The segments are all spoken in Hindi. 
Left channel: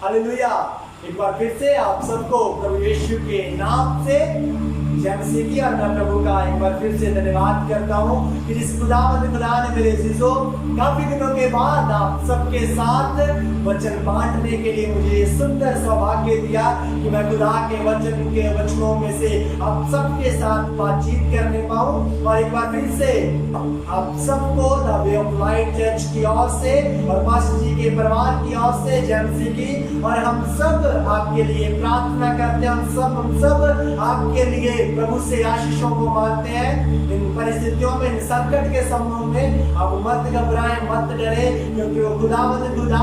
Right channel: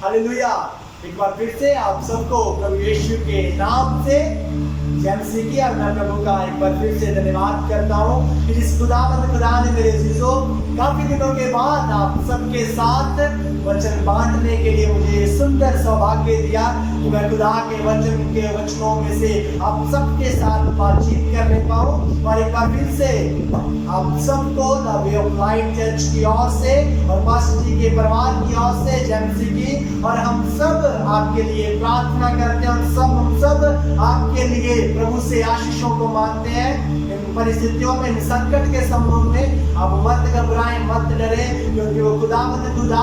हालेलुया। एक बार फिर से आप सबको प्रभु यीशु के नाम से जय मसीह की और मैं प्रभु का एक बार फिर से धन्यवाद करता हूँ कि जिस खुदावंद खुदा ने मेरे अजीजों काफी दिनों के बाद आप सबके साथ वचन बांटने के लिए मुझे ये सुंदर सौभाग्य दिया कि मैं खुदा के वचनों में से आप सबके साथ बातचीत करने पाऊँ। और एक बार फिर से आप सबको the way of light church की ओर से और पास्टर जी के परिवार की ओर से जय मसीह की। और हम सब आपके लिए प्रार्थना करते हैं, हम सब आपके लिए प्रभु से आशीषों को मांगते हैं। इन परिस्थितियों में, इन संकट के समय में आप मत घबराएं, मत डरे, क्योंकि वो खुदावंद खुदा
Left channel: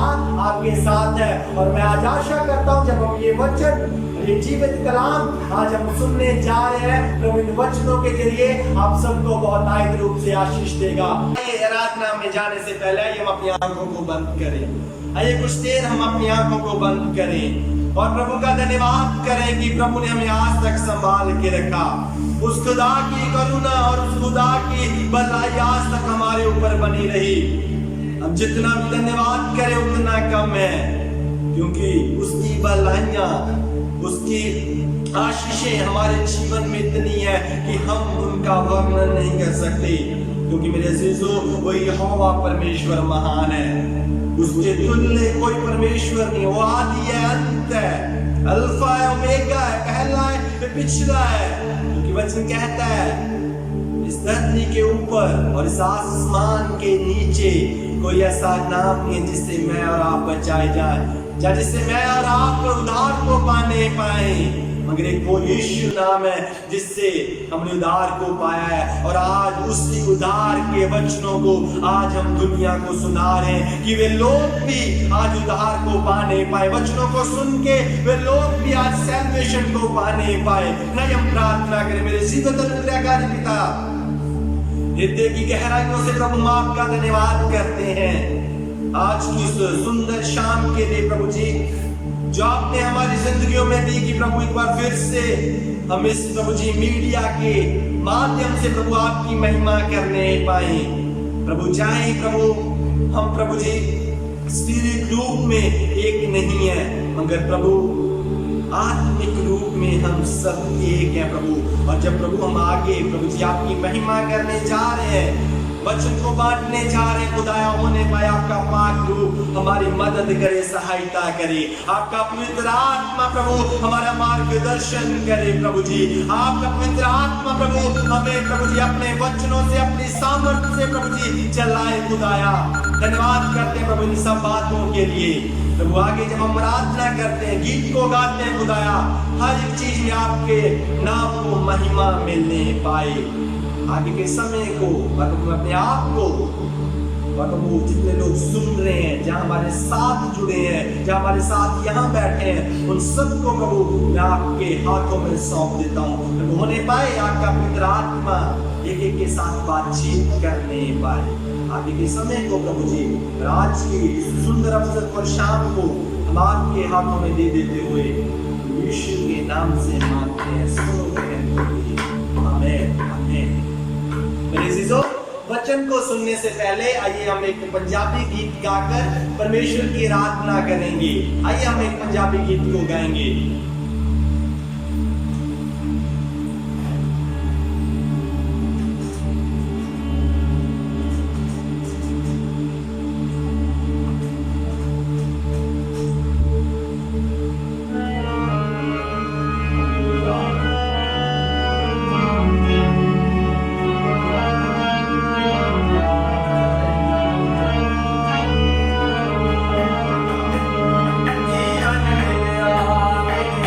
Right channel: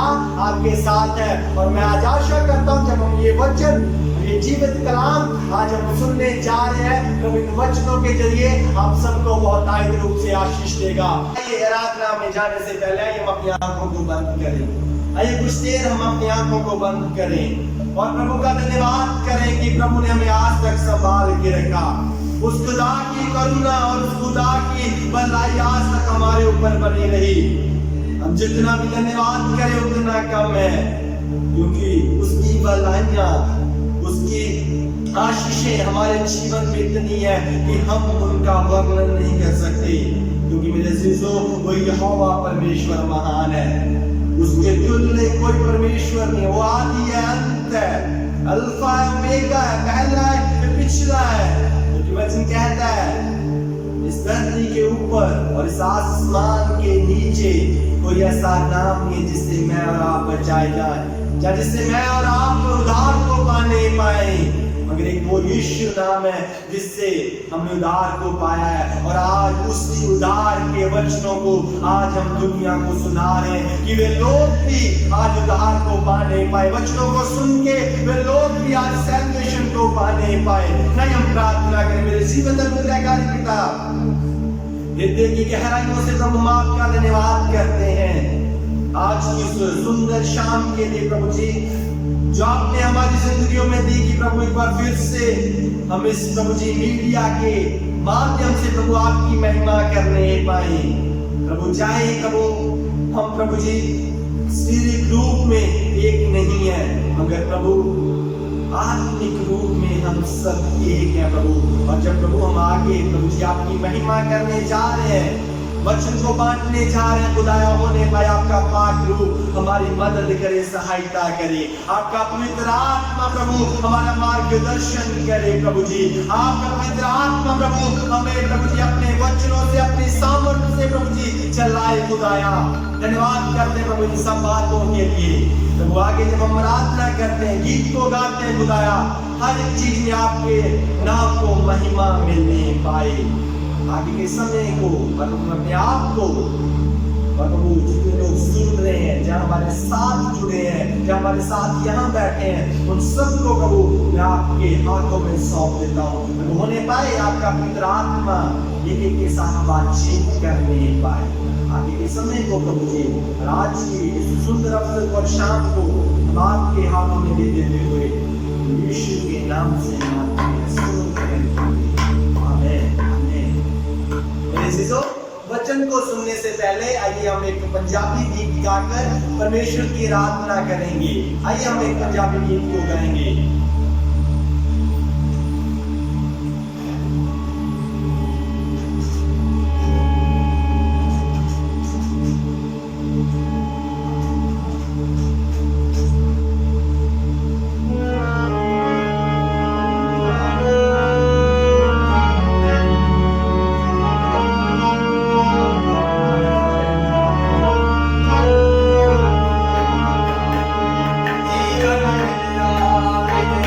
आपके साथ है। और मैं आज आशा करता हूँ जब हम ये वचन, ये जीवित कलाम आज हम सुनने जा रहे हैं, प्रभु इन वचनों के जरिए आप सबको बहुत आयत रूप से आशीष देगा। ये आराधना में जाने से पहले हम अपनी आंखों को बंद करें। आइए कुछ देर हम अपनी आंखों को बंद करें और प्रभु का धन्यवाद करें कि प्रभु ने हमें आज तक संभाल के रखा। उस खुदा की करुणा और उस खुदा की भलाई आज तक हमारे ऊपर बनी रही। हम जितना भी धन्यवाद करें उतना कम है, क्योंकि उसकी भलाइयां, उसकी आशीषें हमारे जीवन में इतनी है कि हम उनका वर्णन नहीं कर सकते। क्योंकि मेरे अजीजों, वो यहोवा परमेश्वर महान है, उसके तुल्य कोई परमेश्वर नहीं। वो आदि है, अंत है, अल्फा है, ओमेगा है, पहला है, पिछला है। क्योंकि वचन कहता है इस धरती के ऊपर और इस आसमान के नीचे कोई ऐसा नाम नहीं जिससे मैं और आप बचाए जाए, या जिससे मैं और आप उद्धार को पाने पाए, मगर एक वो यीशु नाम है जिससे हमने उद्धार को पाया है। और आज उसी उद्धार के वचनों को आज हम दुनिया को सुना रहे हैं कि वे लोग भी आज उद्धार को पाने पाए। वचनों को सुन के वे लोग भी आज सैल्वेशन को पाने पाए। नहीं, हम प्रार्थना करें। मेरे जीवित अनुग्रहकारी पिता, हृदय की गहराइयों से प्रभु हम आपका धन्यवाद करते हैं आज की इस सुंदर शाम के लिए प्रभु जी, जो आपने हमारी जिंदगियों में दी। कि प्रभु एक बार फिर से हम इस प्रभु जी मीडिया के माध्यम से प्रभु आपकी महिमा करने पाए। प्रभु चाहे प्रभु हम प्रभु जी शारीरिक रूप में एक नहीं है, मगर प्रभु आत्मिक रूप में हम सब एक हैं प्रभु। और जब प्रभु हम आगे प्रभु जी आपकी महिमा करने जा रहे हैं, वचन को बांटने जा रहे हैं, खुदाया होने पाए आपका पाक रूप हमारी मदद करे, सहायता करे। आपका पवित्र आत्मा प्रभु हमारा मार्गदर्शन करे प्रभु जी। आपका पवित्र आत्मा प्रभु हमें प्रभु जी अपने वचनों से, अपनी सामर्थ्य से प्रभु जी चलाए। खुदाया धन्यवाद करते हैं प्रभु इन सब बातों के लिए। प्रभु आगे जब हम आराधना करते हैं, गीत को गाते हैं, खुदाया हर एक चीज में आपके नाम को महिमा मिलने पाए। आगे के समय को प्रभु अपने आप को प्रभु जितने लोग सुन रहे हैं, जहाँ हमारे साथ जुड़े हैं, जहाँ हमारे साथ यहाँ बैठे हैं, उन सबको प्रभु मैं आपके हाथों में सौंप देता हूँ। प्रभु होने पाए आपका पवित्र आत्मा एक एक के साथ बातचीत करने पाए। आगे के समय को प्रभु जी, आज की इस सुंदर अवसर पर शाम को हम आपके हाथों में दे देते हुए यीशु के नाम से मांगते हैं, सुनो आमीन आमीन। मेरे अजीजों, वचन को सुनने से पहले आइए हम एक पंजाबी गीत गाकर परमेश्वर की आराधना करेंगे। आइए हम एक पंजाबी गीत को गाएंगे। जीवन में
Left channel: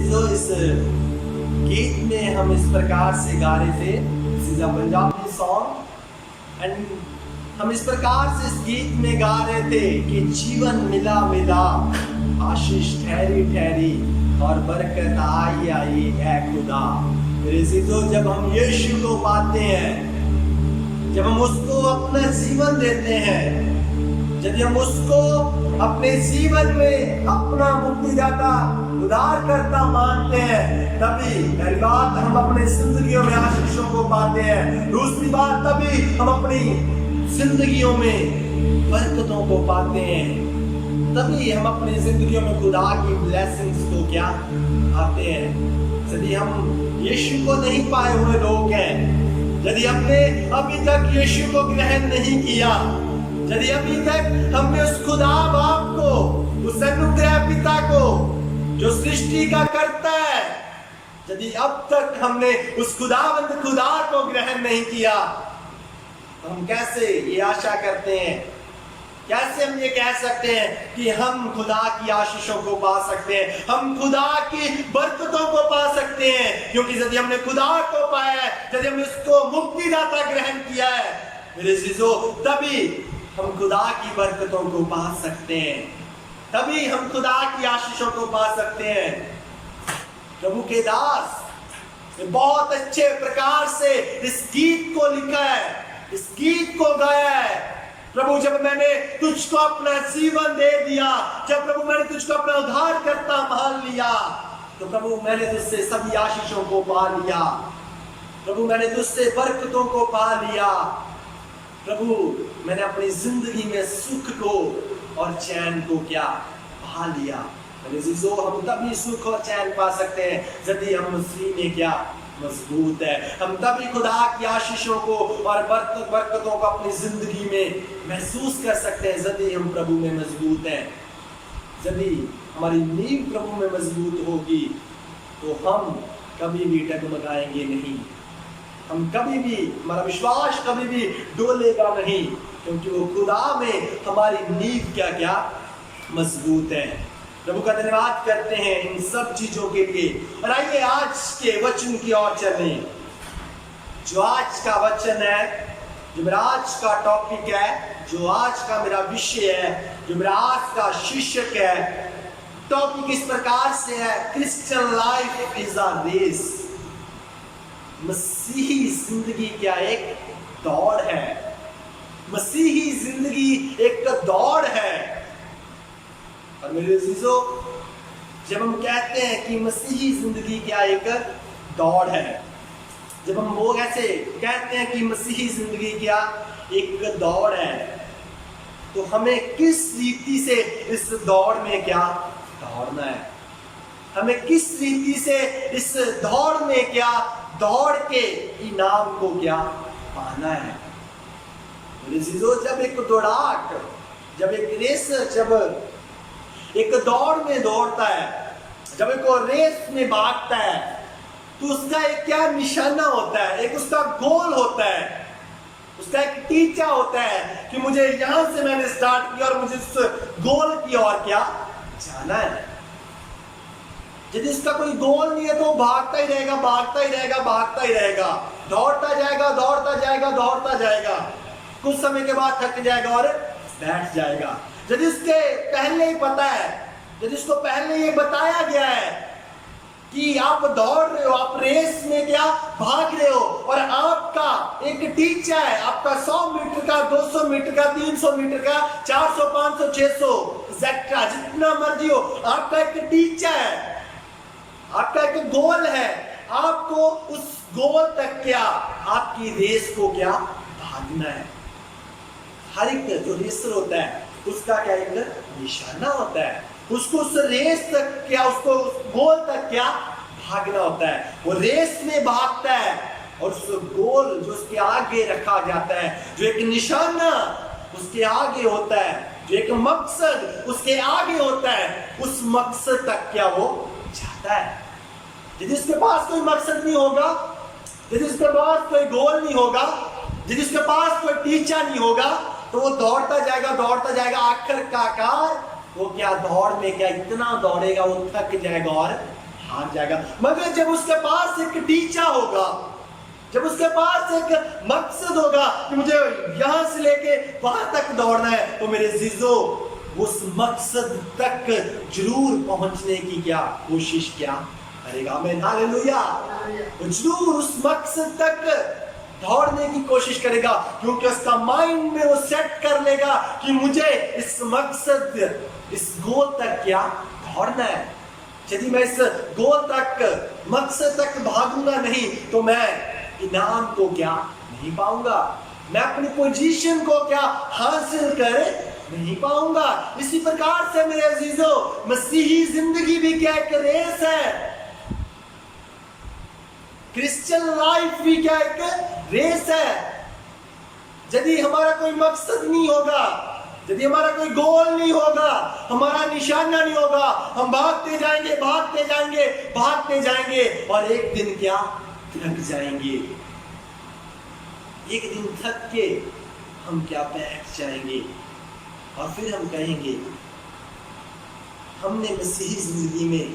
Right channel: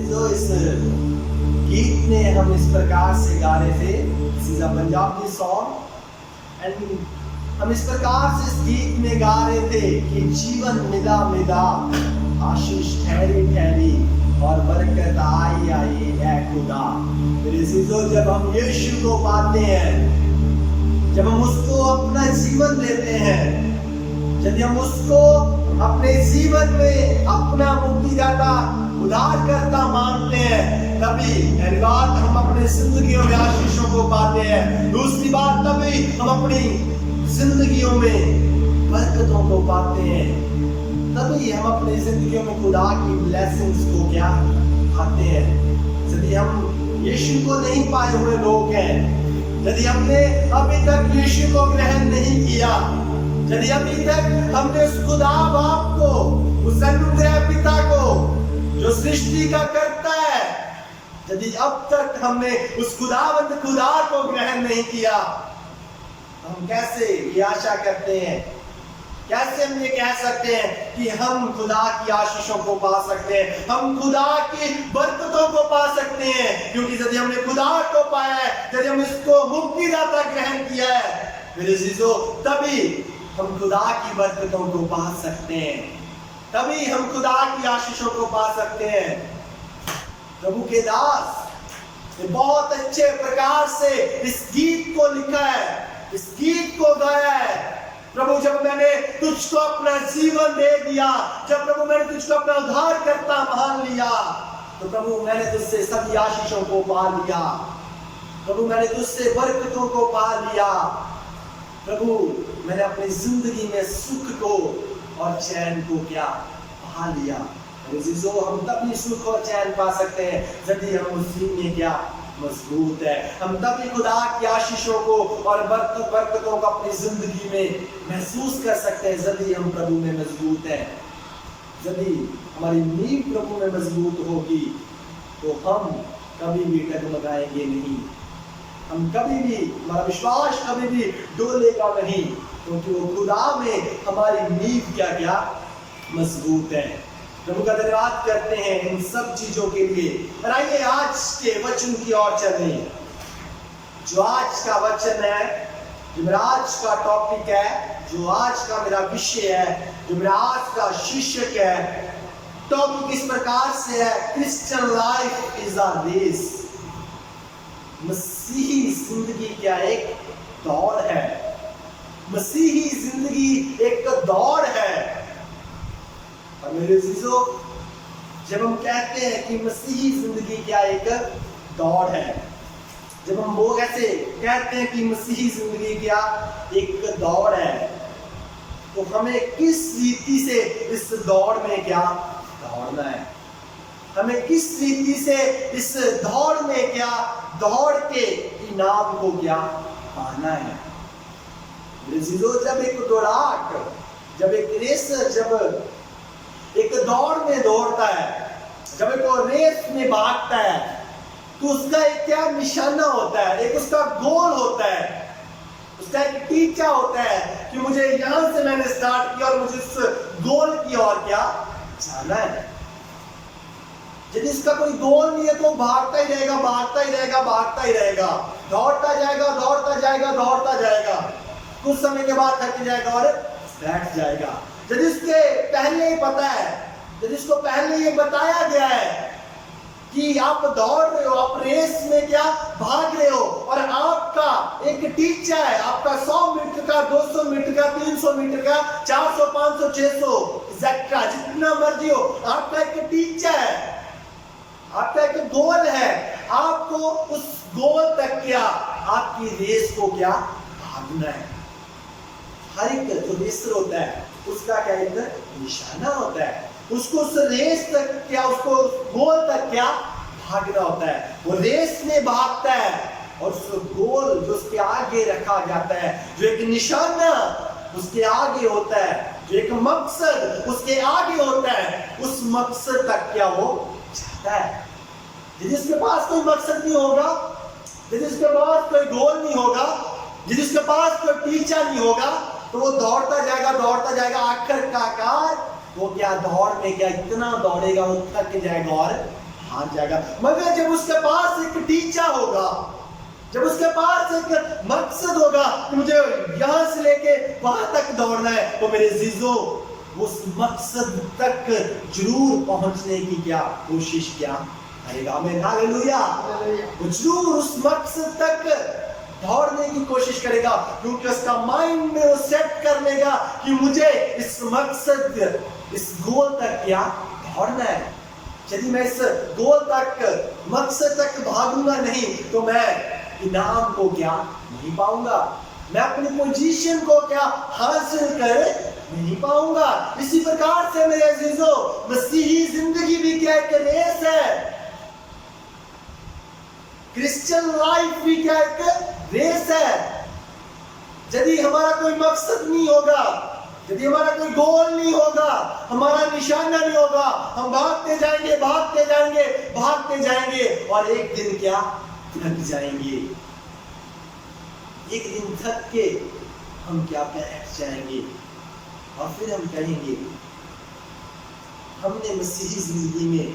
चीजों इस गीत में हम इस प्रकार से गा रहे थे, this is a Punjabi song, and हम इस प्रकार से इस गीत में गा रहे थे कि जीवन मिला मिला, आशीष ठहरी ठहरी और बरकत आई आई है खुदा। मेरे चीजों, जब हम यीशु को पाते हैं, जब हम उसको अपना जीवन देते हैं, यदि हम उसको अपने जीवन में अपना मुक्तिदाता उद्धारकर्ता मानते हैं, तभी पहली बात हम अपने जिंदगियों में आशीषों को पाते हैं। दूसरी बात, तभी हम अपनी जिंदगियों में बरकतों को पाते हैं, तभी हम अपनी जिंदगियों में खुदा की ब्लेसिंग्स को क्या पाते हैं। यदि हम यीशु को नहीं पाए हुए लोग हैं, यदि हमने अभी तक यीशु को ग्रहण नहीं किया, यदि अभी तक हमने उस खुदा बाप को, उस अनुग्रह पिता को जो सृष्टि का करता है, यदि अब तक हमने उस खुदावंद खुदा को ग्रहण नहीं किया, तो हम कैसे ये आशा करते हैं, कैसे हम ये कह सकते हैं कि हम खुदा की आशीषों को पा सकते हैं, हम खुदा की बरकतों को पा सकते हैं? क्योंकि यदि हमने खुदा को पाया है, यदि हम इसको मुक्तिदाता ग्रहण किया है, मेरे अजीजों, तभी हम खुदा की बरकतों को पा सकते हैं, तभी हम खुदा की आशीषों को पा सकते हैं। प्रभु के दास ने बहुत अच्छे प्रकार से इस गीत को लिखा है, इस गीत को गाया है। प्रभु, जब मैंने तुझको अपना जीवन दे दिया, जब प्रभु मैंने तुझको अपना उद्धारकर्ता मान लिया, तो प्रभु मैंने तुझसे सभी आशीषों को पा लिया, प्रभु मैंने तुझसे बरकतों को पा लिया, प्रभु मैंने अपनी जिंदगी में सुख को और चैन को क्या पा लिया। मेरे जीजो, हम तभी सुख और चैन पा सकते हैं यदि हम उसी में क्या मजबूत है। हम तभी खुदा की आशीषों को और बरकतों को अपनी जिंदगी में महसूस कर सकते हैं यदि हम प्रभु में मजबूत हैं। यदि हमारी नींव प्रभु में मजबूत होगी तो हम कभी भी डगमगाएंगे नहीं, हम कभी भी, हमारा विश्वास कभी भी डोलेगा नहीं, क्योंकि वो खुदा में हमारी नींव क्या क्या मजबूत है। प्रभु का धन्यवाद करते हैं इन सब चीजों के लिए। और आइए आज के वचन की ओर चलें। जो आज का वचन है, जो मेरा आज का टॉपिक है, जो आज का मेरा विषय है, जो मेरा आज का शीर्षक है, टॉपिक इस प्रकार से है, Christian life is a race. मसीही जिंदगी क्या एक दौड़ है, मसीही जिंदगी एक दौड़ है। और मेरे अजीजों, जब हम कहते हैं कि मसीही जिंदगी क्या एक दौड़ है, जब हम लोग ऐसे कहते हैं कि मसीही जिंदगी क्या एक दौड़ है, तो हमें किस रीति से इस दौड़ में क्या दौड़ना है, हमें किस रीति से इस दौड़ में क्या दौड़ के इनाम को क्या पाना है। मेरे अजीजों, जब एक दौड़ाक, जब एक रेसर, जब एक दौड़ में दौड़ता है, जब एक रेस में भागता है, तो उसका एक क्या निशाना होता है, एक उसका गोल होता है, उसका एक टीचा होता है कि मुझे यहां से मैंने स्टार्ट किया और मुझे उस गोल की ओर क्या जाना है। यदि इसका कोई गोल नहीं है तो भागता ही रहेगा, भागता ही रहेगा, भागता ही रहेगा, दौड़ता जाएगा, दौड़ता जाएगा, दौड़ता जाएगा, कुछ समय के बाद थक जाएगा और बैठ जाएगा। यदि उसके पहले ही पता है, यदि उसको पहले ये बताया गया है कि आप दौड़ रहे हो, आप रेस में क्या भाग रहे हो, और आपका एक टीचा है, आपका 100 मीटर का, 200 मीटर का, 300 मीटर का, 400, 500, 600 एक्सेट्रा, जितना मर्जी हो, आपका एक टीचा है, आपका एक गोल है, आपको उस गोल तक क्या, आपकी रेस को क्या भागना है। हर एक जो रेसर होता है उसका क्या एक निशाना होता है, उसको उस रेस तक क्या, उसको गोल तक क्या भागना होता है। वो रेस में भागता है और उस गोल जो उसके आगे रखा जाता है, जो एक निशाना उसके आगे होता है, जो एक मकसद उसके आगे होता है, उस मकसद तक क्या वो जाता है। यदि उसके पास कोई मकसद नहीं होगा, यदि उसके पास कोई गोल नहीं होगा, यदि उसके पास कोई टीचा नहीं होगा, तो वो दौड़ता जाएगा, दौड़ता जाएगा, आखिरकार वो क्या दौड़ में क्या इतना दौड़ेगा, वो थक जाएगा और भाग जाएगा। मगर जब उसके पास एक टीचा होगा, जब उसके पास एक मकसद होगा कि मुझे यहां से लेके वहां तक दौड़ना है, तो मेरे जीजो उस मकसद तक जरूर पहुंचने की क्या कोशिश क्या करेगा। आमीन, हालेलुया। वो जरूर उस मकसद तक दौड़ने की कोशिश करेगा, क्योंकि उसका माइंड में वो सेट कर लेगा कि मुझे इस मकसद, इस गोल तक क्या दौड़ना है। यदि मैं इस गोल तक, मकसद तक भागूंगा नहीं, तो मैं इनाम को क्या नहीं पाऊंगा, मैं अपनी पोजीशन को क्या हासिल कर नहीं पाऊंगा। इसी प्रकार से मेरे अजीजों, मसीही जिंदगी भी क्या एक रेस है। क्रिश्चियन लाइफ भी क्या एक रेस है। यदि हमारा कोई मकसद नहीं होगा, यदि हमारा कोई गोल नहीं होगा, हमारा निशाना नहीं होगा, हम भागते जाएंगे, भागते जाएंगे, भागते जाएंगे, और एक दिन क्या थक जाएंगे। एक दिन थक के हम क्या बैठ जाएंगे, और फिर हम कहेंगे हमने मसीही जिंदगी में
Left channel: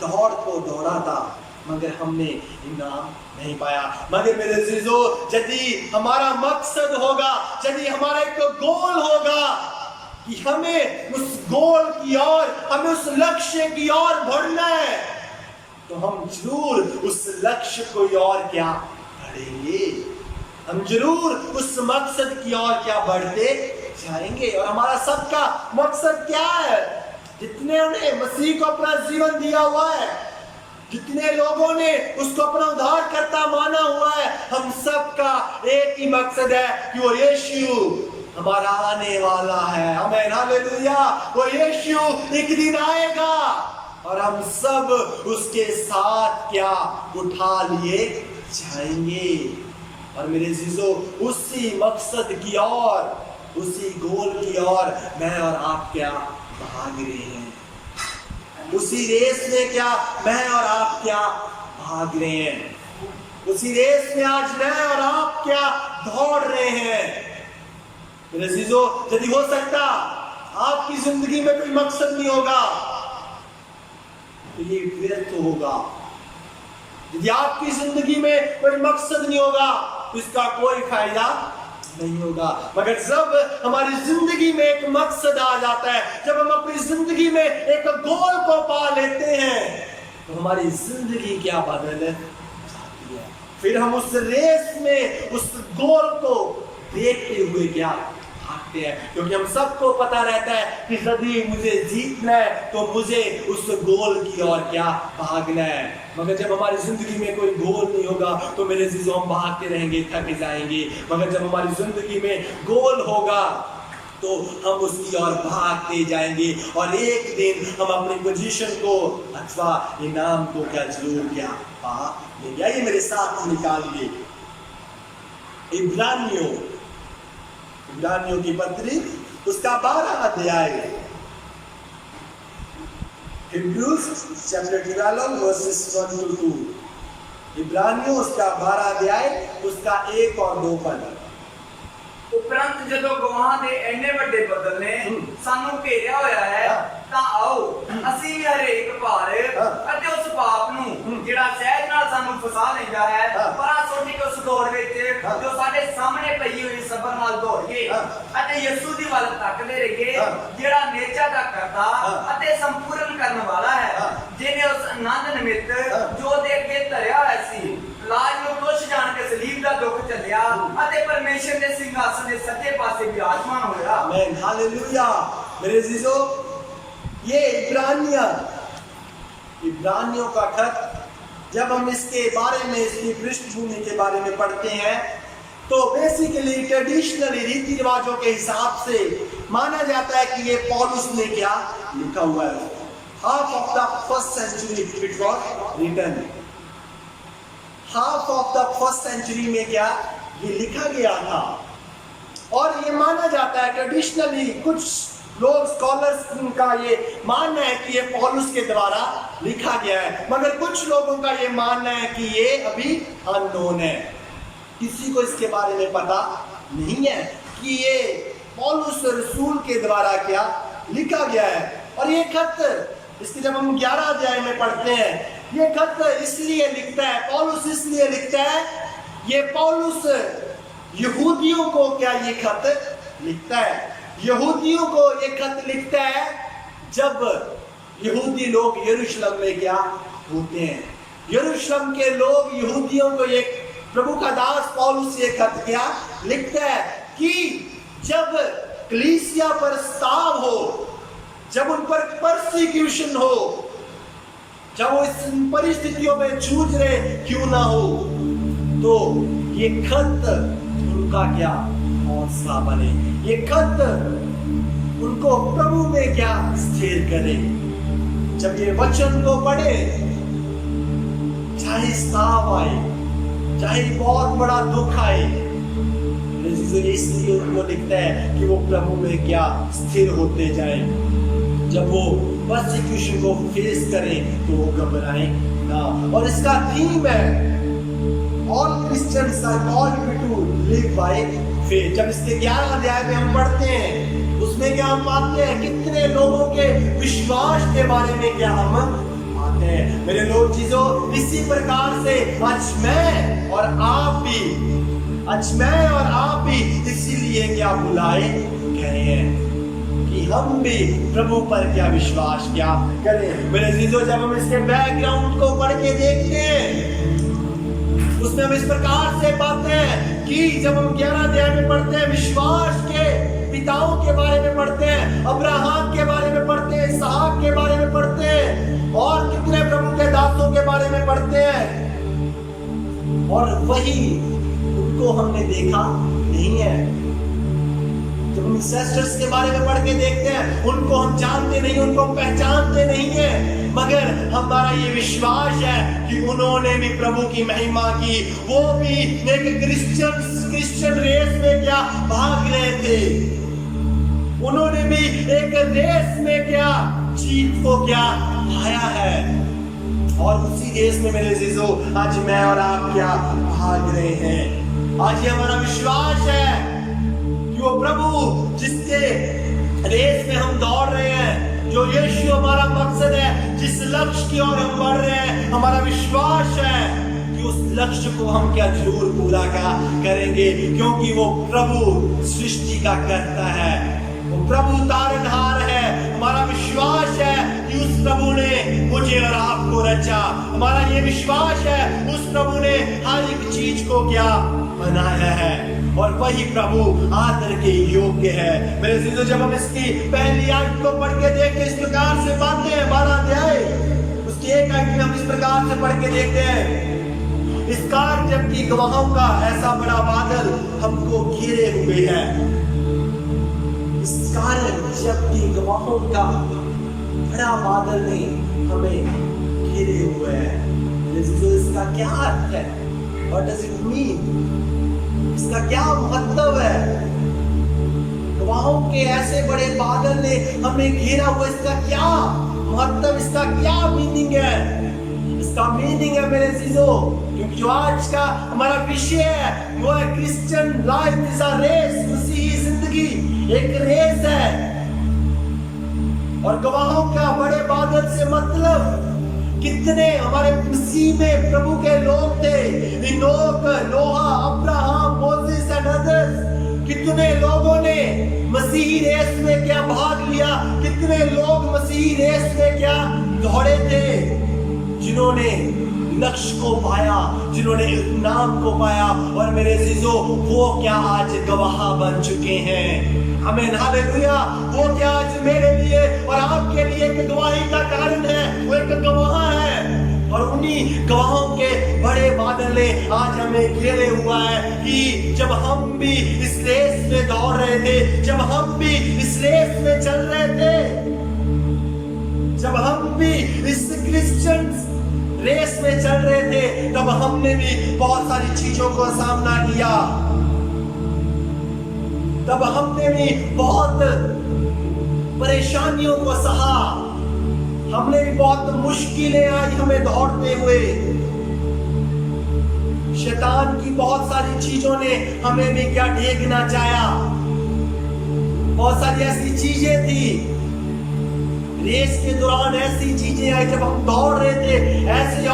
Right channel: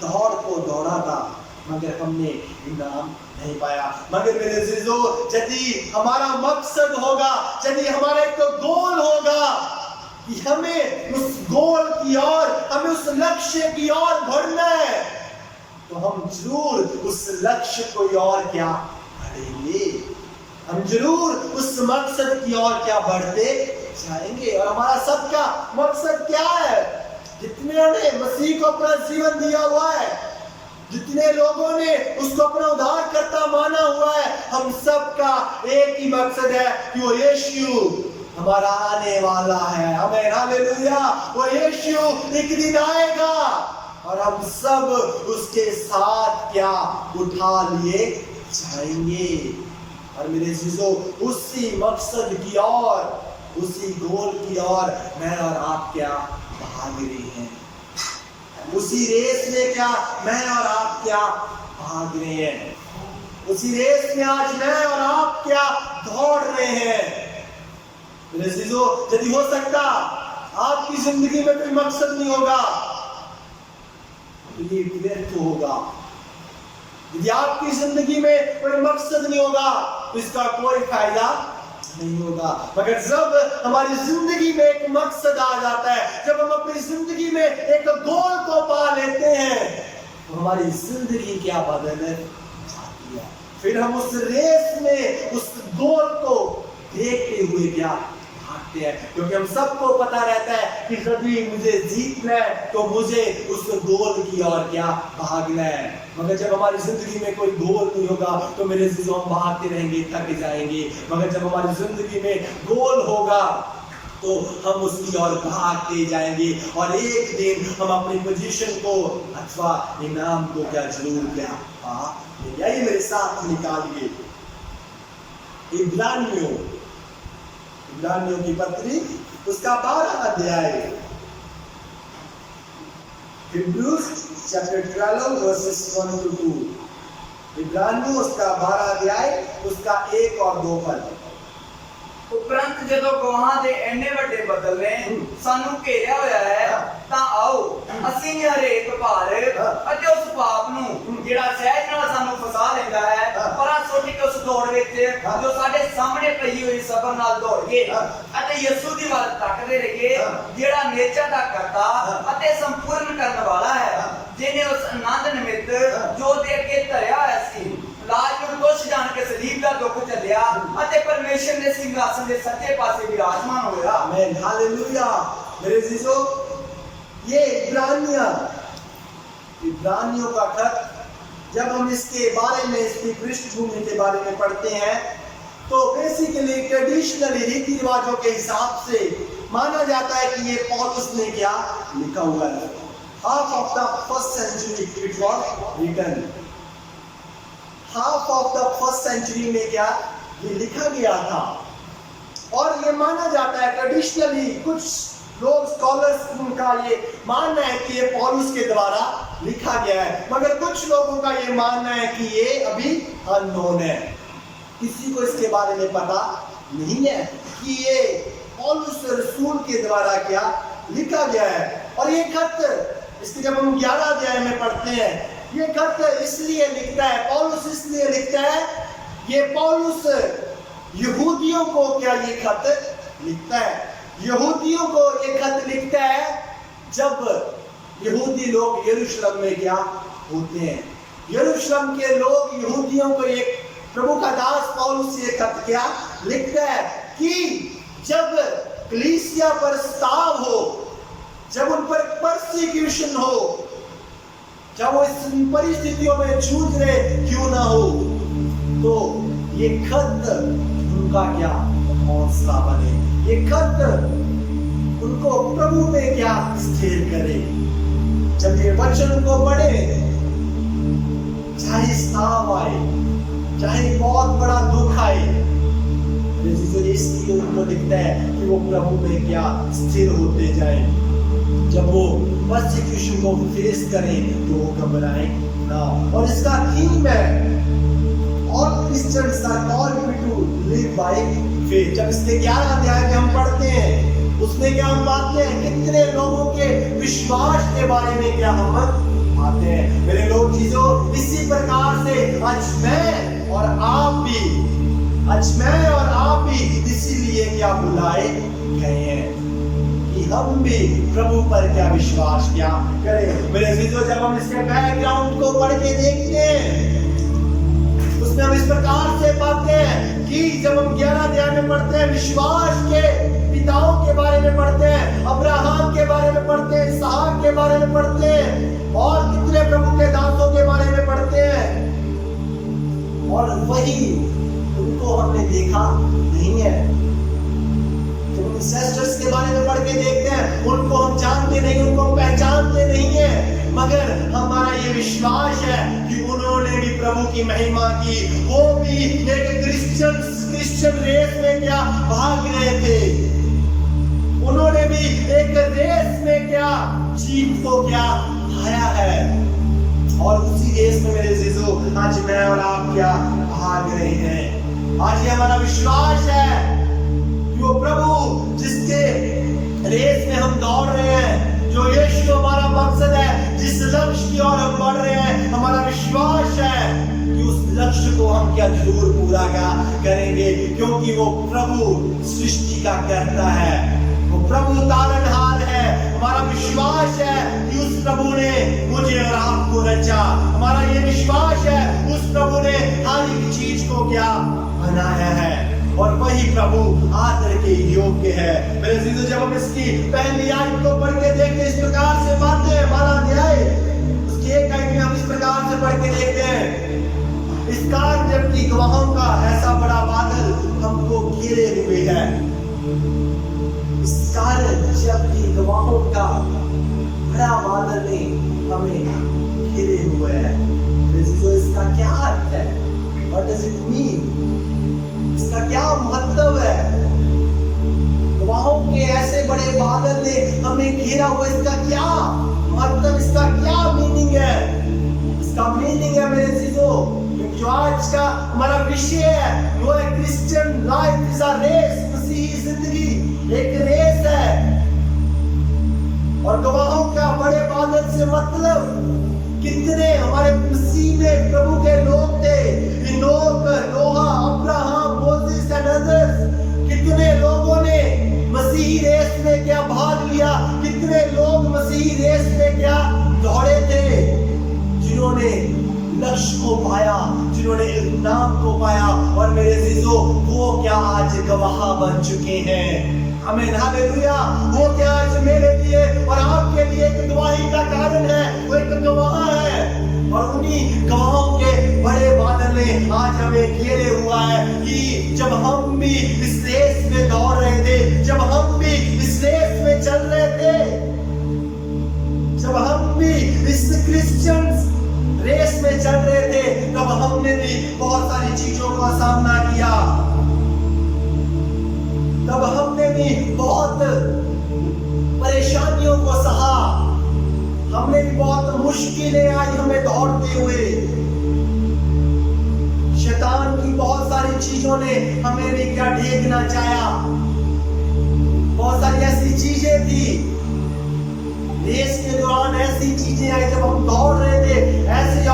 दौड़ को दौड़ा था, मगर हमने इनाम नहीं पाया। मगर मेरे अजीजों, यदि हमारा मकसद होगा, यदि हमारा एक गोल होगा कि हमें उस गोल की ओर, हमें उस लक्ष्य की ओर बढ़ना है, तो हम जरूर उस लक्ष्य को और क्या बढ़ेंगे, हम जरूर उस मकसद की ओर क्या बढ़ते जाएंगे। और हमारा सबका मकसद क्या है? जितने ने मसीह को अपना जीवन दिया हुआ है, जितने लोगों ने उसको अपना उद्धारकर्ता माना हुआ है, हम सबका एक ही मकसद है कि वो यीशु हमारा आने वाला है। आमीन, हालेलुया। वो यीशु एक दिन आएगा और हम सब उसके साथ क्या उठा लिए जाएंगे। और मेरे अजीजों, उसी मकसद की ओर, उसी गोल की ओर मैं और आप क्या भाग रहे हैं। उसी रेस में क्या मैं और आप क्या भाग रहे हैं। उसी रेस में आज मैं और आप क्या दौड़ रहे हैं। मेरे अजीजों, यदि हो सकता आपकी जिंदगी में कोई मकसद नहीं होगा, तो ये व्यर्थ होगा। यदि आपकी जिंदगी में कोई मकसद नहीं होगा, तो इसका कोई फायदा नहीं होगा। मगर जब हमारी जिंदगी में एक मकसद आ जाता है, जब हम अपनी जिंदगी में एक गोल को पा लेते हैं, तो हमारी जिंदगी क्या बदल जाती है। फिर हम उस रेस में उस गोल को देखते हुए क्या भागते हैं, क्योंकि हम सबको पता रहता है कि यदि मुझे जीतना है तो मुझे उस गोल की ओर क्या भागना है। मगर जब हमारी जिंदगी में कोई गोल नहीं होगा, तो मेरे अजीजों हम भागते रहेंगे, थक जाएंगे। मगर जब हमारी जिंदगी में गोल होगा, तो हम उसकी ओर भागते जाएंगे, और एक दिन हम अपनी पोजीशन को अथवा इनाम को क्या जरूर क्या पा लेंगे। आइए मेरे साथ निकालिए इब्रानियों की पत्री, उसका 12 अध्याय, Hebrews chapter 12 verses 1 to 2। इब्रानियों उसका 12 अध्याय, उसका 1 और 2 पद। उपरंत जदों गवाहां दे एने वड्डे बदल ने सानू घेरिया होया है, तां आओ ਅਸੀਂ ਵੀ ਹਰੇਕ ਭਾਰ ਅਤੇ ਉਸ ਪਾਪ ਨੂੰ ਜਿਹੜਾ ਸਹਿਜ ਨਾਲ ਸਾਨੂੰ ਫਸਾ ਲੈਂਦਾ ਹੈ, ਪਰਾਂ ਸੁੱਟ ਕੇ ਉਸ ਦੌੜ ਵਿੱਚ ਜੋ ਸਾਡੇ ਸਾਹਮਣੇ ਪਈ ਹੋਈ ਸਬਰ ਨਾਲ ਦੌੜੀਏ ਅਤੇ ਯਿਸੂ ਦੀ ਵੱਲ ਤੱਕਦੇ ਰਹੀਏ, ਜਿਹੜਾ ਨੇਚਾ ਦਾ ਕਰਤਾ ਅਤੇ ਸੰਪੂਰਨ ਕਰਨ ਵਾਲਾ ਹੈ, ਜਿਨੇ ਉਸ ਆਨੰਦ ਨਿਮਿਤ ਜੋ ਦੇ ਅੱਗੇ ਧਰਿਆ ਹੋਇਆ ਸੀ, लाज में दोष जान के सलीब का दुख चलिया अते परमेश्वर ने सिंहासन के सच्चे पासे विराजमान होया। आमीन, हालेलुया। मेरे अजीजों, ये इब्रानियों का खत, जब हम इसके बारे में, इसकी पृष्ठभूमि के बारे में पढ़ते हैं, तो बेसिकली ट्रेडिशनली रीति रिवाजों के हिसाब से माना जाता है कि ये पौलुस ने क्या लिखा हुआ है। Half of the first century it was written, half of the first century में क्या ये लिखा गया था। और ये माना जाता है ट्रेडिशनली, कुछ लोग स्कॉलर्स का ये मानना है कि ये पौलुस के द्वारा लिखा गया है, मगर कुछ लोगों का ये मानना है कि ये अभी अननोन है, किसी को इसके बारे में पता नहीं है कि ये पौलुस रसूल के द्वारा क्या लिखा गया है। और ये खत, इसके जब हम 11 अध्याय में पढ़ते हैं, ये खत इसलिए लिखता है पौलुस, इसलिए लिखता है, ये पौलुस यहूदियों को क्या ये खत लिखता है? यहूदियों को ये खत लिखता है जब यहूदी लोग यरूशलेम में क्या होते हैं। यरूशलेम के लोग यहूदियों को ये प्रभु का दास पौलुस ये खत क्या लिखता है कि जब कलीसिया पर स्ताव हो, जब उन पर परसिक्यूशन हो, जब वो इस परिस्थितियों में जूझ रहे क्यों ना हो, तो ये खत उनका क्या हौसला बने, ये खत उनको प्रभु में क्या स्थिर करे। जब ये वचन को पढ़े, चाहे स्ताव आए, चाहे बहुत बड़ा दुख आए, इसलिए उनको लिखता है कि वो प्रभु में क्या स्थिर होते जाए। जब वो परसिक्यूशन को फेस करें तो वो घबराएं ना। और इसका थीम है all Christians are called to live by faith. जब इसके 11 अध्याय में हम पढ़ते हैं, उसमें क्या हम पाते हैं, कितने लोगों के विश्वास के बारे में क्या हम पाते हैं। मेरे लोग चीजों, इसी प्रकार से आज मैं और आप भी इसीलिए क्या बुलाए गए हैं कि हम भी प्रभु पर क्या विश्वास क्या करें। मेरे चीजों, जब हम इसके बैकग्राउंड को पढ़ के देखते हैं, उसमें हम इस प्रकार से पाते हैं कि जब हम 11 अध्याय में पढ़ते हैं, विश्वास के पिताओं के बारे में पढ़ते हैं, अब्राहम के बारे में पढ़ते हैं, इसहाक के बारे में पढ़ते हैं, और कितने प्रभु के दासों के बारे में पढ़ते हैं, और वही उनको हमने देखा नहीं है। जब हम इंसेस्टर्स के बारे में पढ़ के देखते हैं, उनको हम जानते नहीं, उनको हम पहचानते नहीं है, मगर हमारा ये विश्वास है कि उन्होंने भी प्रभु की महिमा की, वो भी एक क्रिश्चियन रेस में क्या भाग रहे थे, उन्होंने भी एक रेस में क्या जीत को क्या पाया है। और उसी रेस में मेरे अजीजों, आज मैं और आप क्या भाग रहे हैं। आज ये हमारा विश्वास है कि वो प्रभु जिसके रेस में हम दौड़ रहे हैं, जो यीशु हमारा मकसद है, जिस लक्ष्य की ओर हम बढ़ रहे हैं, हमारा विश्वास है कि उस लक्ष्य को हम क्या जरूर पूरा करेंगे, क्योंकि वो प्रभु सृष्टि का करता है, वो प्रभु तारनहार है। हमारा विश्वास है कि उस प्रभु ने मुझे और आपको रचा। हमारा ये विश्वास है उस प्रभु ने हर एक चीज को क्या बनाया है, और वही प्रभु आदर के योग्य है। मेरे अजीजों, जब हम इसकी पहली आयत को पढ़ के देखते हैं, इस प्रकार से पाते हैं, 12 अध्याय उसकी 1 आयत में हम इस प्रकार से पढ़ के देखते हैं, इस कारण जबकि गवाहों का ऐसा बड़ा बादल हमको घेरे हुए है। इस कारण जबकि गवाहों का बड़ा बादल ने हमें घेरे हुए है। इसका क्या अर्थ है? What does it mean? इसका क्या महत्व है? गवाहों के ऐसे बड़े बादल ने हमें घेरा हुआ, इसका क्या महत्व, इसका क्या मीनिंग है? इसका मीनिंग है मेरे चीजों, क्योंकि जो आज का हमारा विषय है वो है Christian life is a race. मसीही जिंदगी एक रेस है, और गवाहों का बड़े बादल से मतलब कितने हमारे मसीह में प्रभु के लोग थे, Enoch, Noah, Abraham, Moses and others. कितने लोगों ने मसीही रेस में क्या भाग लिया, कितने लोग मसीही रेस में क्या दौड़े थे, जिन्होंने लक्ष्य को पाया, जिन्होंने नाम को पाया, और मेरे अजीजों वो क्या आज गवाह बन चुके हैं। आमीन, हालेलुया। वो क्या आज मेरे लिए और आपके लिए एक गवाही का कारण है, वो एक गवाह है, और उन्हीं गवाहों के बड़े बादल ने आज हमें घेरे हुआ है कि जब हम भी इस रेस में दौड़ रहे थे, जब हम भी इस रेस में चल रहे थे, जब हम भी इस क्रिश्चियन रेस में चल रहे थे, तब हमने भी बहुत सारी चीजों का सामना किया, तब हमने भी बहुत परेशानियों को सहा, हमने भी बहुत मुश्किलें आई हमें दौड़ते हुए। शैतान की बहुत सारी चीजों ने हमें भी क्या ढेकना चाहा, बहुत सारी ऐसी चीजें थी रेस के दौरान, ऐसी चीजें आई जब हम दौड़ रहे थे, ऐसे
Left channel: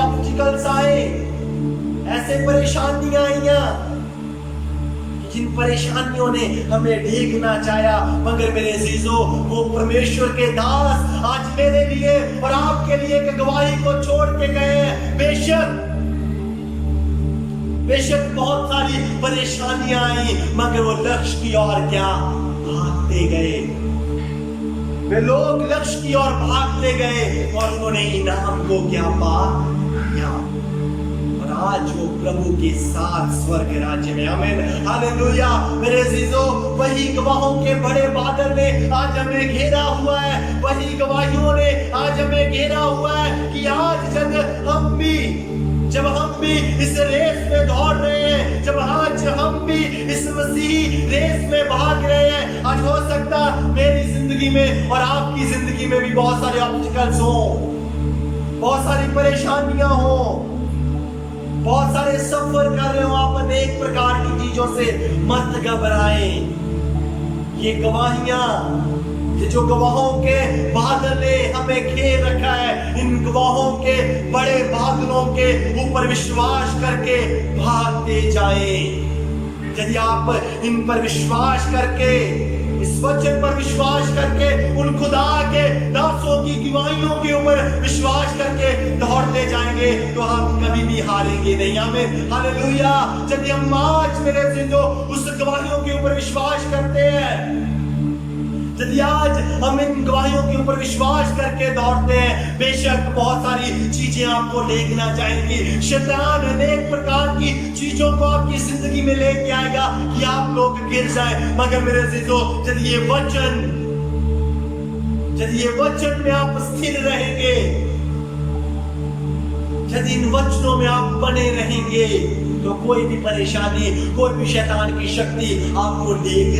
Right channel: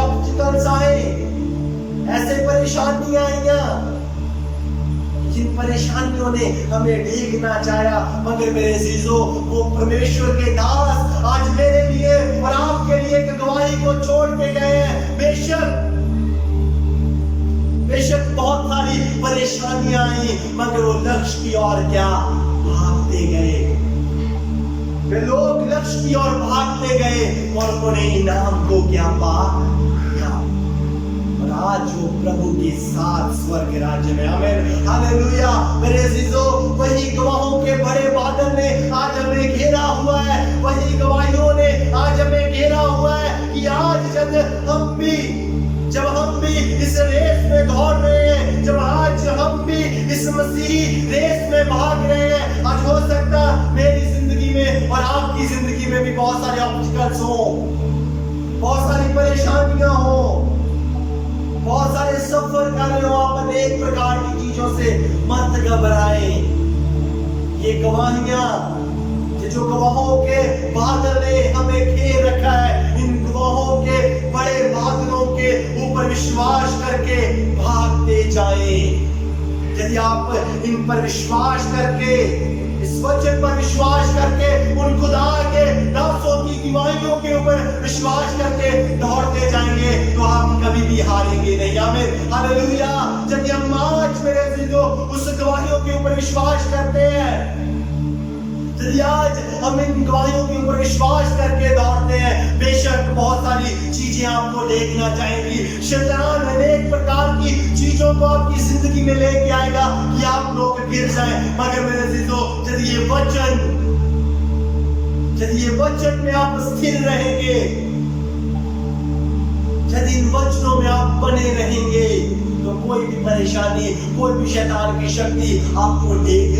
जिन परेशानियों ने हमें ढीकना चाहा, मगर मेरे अजीजों वो परमेश्वर के दास आज मेरे लिए और आपके लिए एक गवाही को छोड़ के गए हैं। बेशक बहुत सारी परेशानियां आई, मगर वो लक्ष्य की ओर क्या भागते गए। वे लोग लक्ष्य की ओर भागते गए और उन्होंने इनाम को क्या पाया। और आज वो प्रभु के साथ स्वर्ग राज्य में, आमीन, हालेलुया। मेरे अजीजों, वही गवाहों के बड़े बादल ने आज हमें घेरा हुआ है, वही गवाहियों ने आज हमें घेरा हुआ है कि आज जब हम भी इस रेस में दौड़ रहे हैं, जब आज हम भी इस मसीही रेस में भाग रहे हैं, आज हो सकता मेरी जिंदगी में और आपकी जिंदगी में भी बहुत सारे ऑब्स्टिकल्स हो, बहुत सारी परेशानियां हो, बहुत सारे सफर कर रहे हो आप अनेक प्रकार की चीजों से। मत घबराएं। ये गवाहियां, जो गवाहों के बादल ने हमें घेर रखा है, इन गवाहों के बड़े बादलों के ऊपर विश्वास करके भागते जाएं। यदि आप इन पर विश्वास करके, इस वचन पर विश्वास करके, उन खुदा के दासों की गवाहियों के ऊपर विश्वास करके दौड़ते जाएंगे तो आप कभी भी हारेंगे नहीं, आमीन, हालेलुया। जब हम आज मेरे अजीजों उस गवाहियों के ऊपर विश्वास करते हैं, यदि आज हम इन गवाहियों के ऊपर विश्वास करके दौड़ते हैं, बेशक बहुत सारी चीजें आपको देखना चाहेंगी। शैतान अनेक प्रकार की चीजों को आपकी जिंदगी में लेके आएगा कि आप लोग गिर जाएं, मगर मेरे अजीजों यदि ये वचन में आप स्थिर रहेंगे, यदि इन वचनों में आप बने रहेंगे, तो कोई भी परेशानी, कोई भी शैतान की शक्ति आपको देख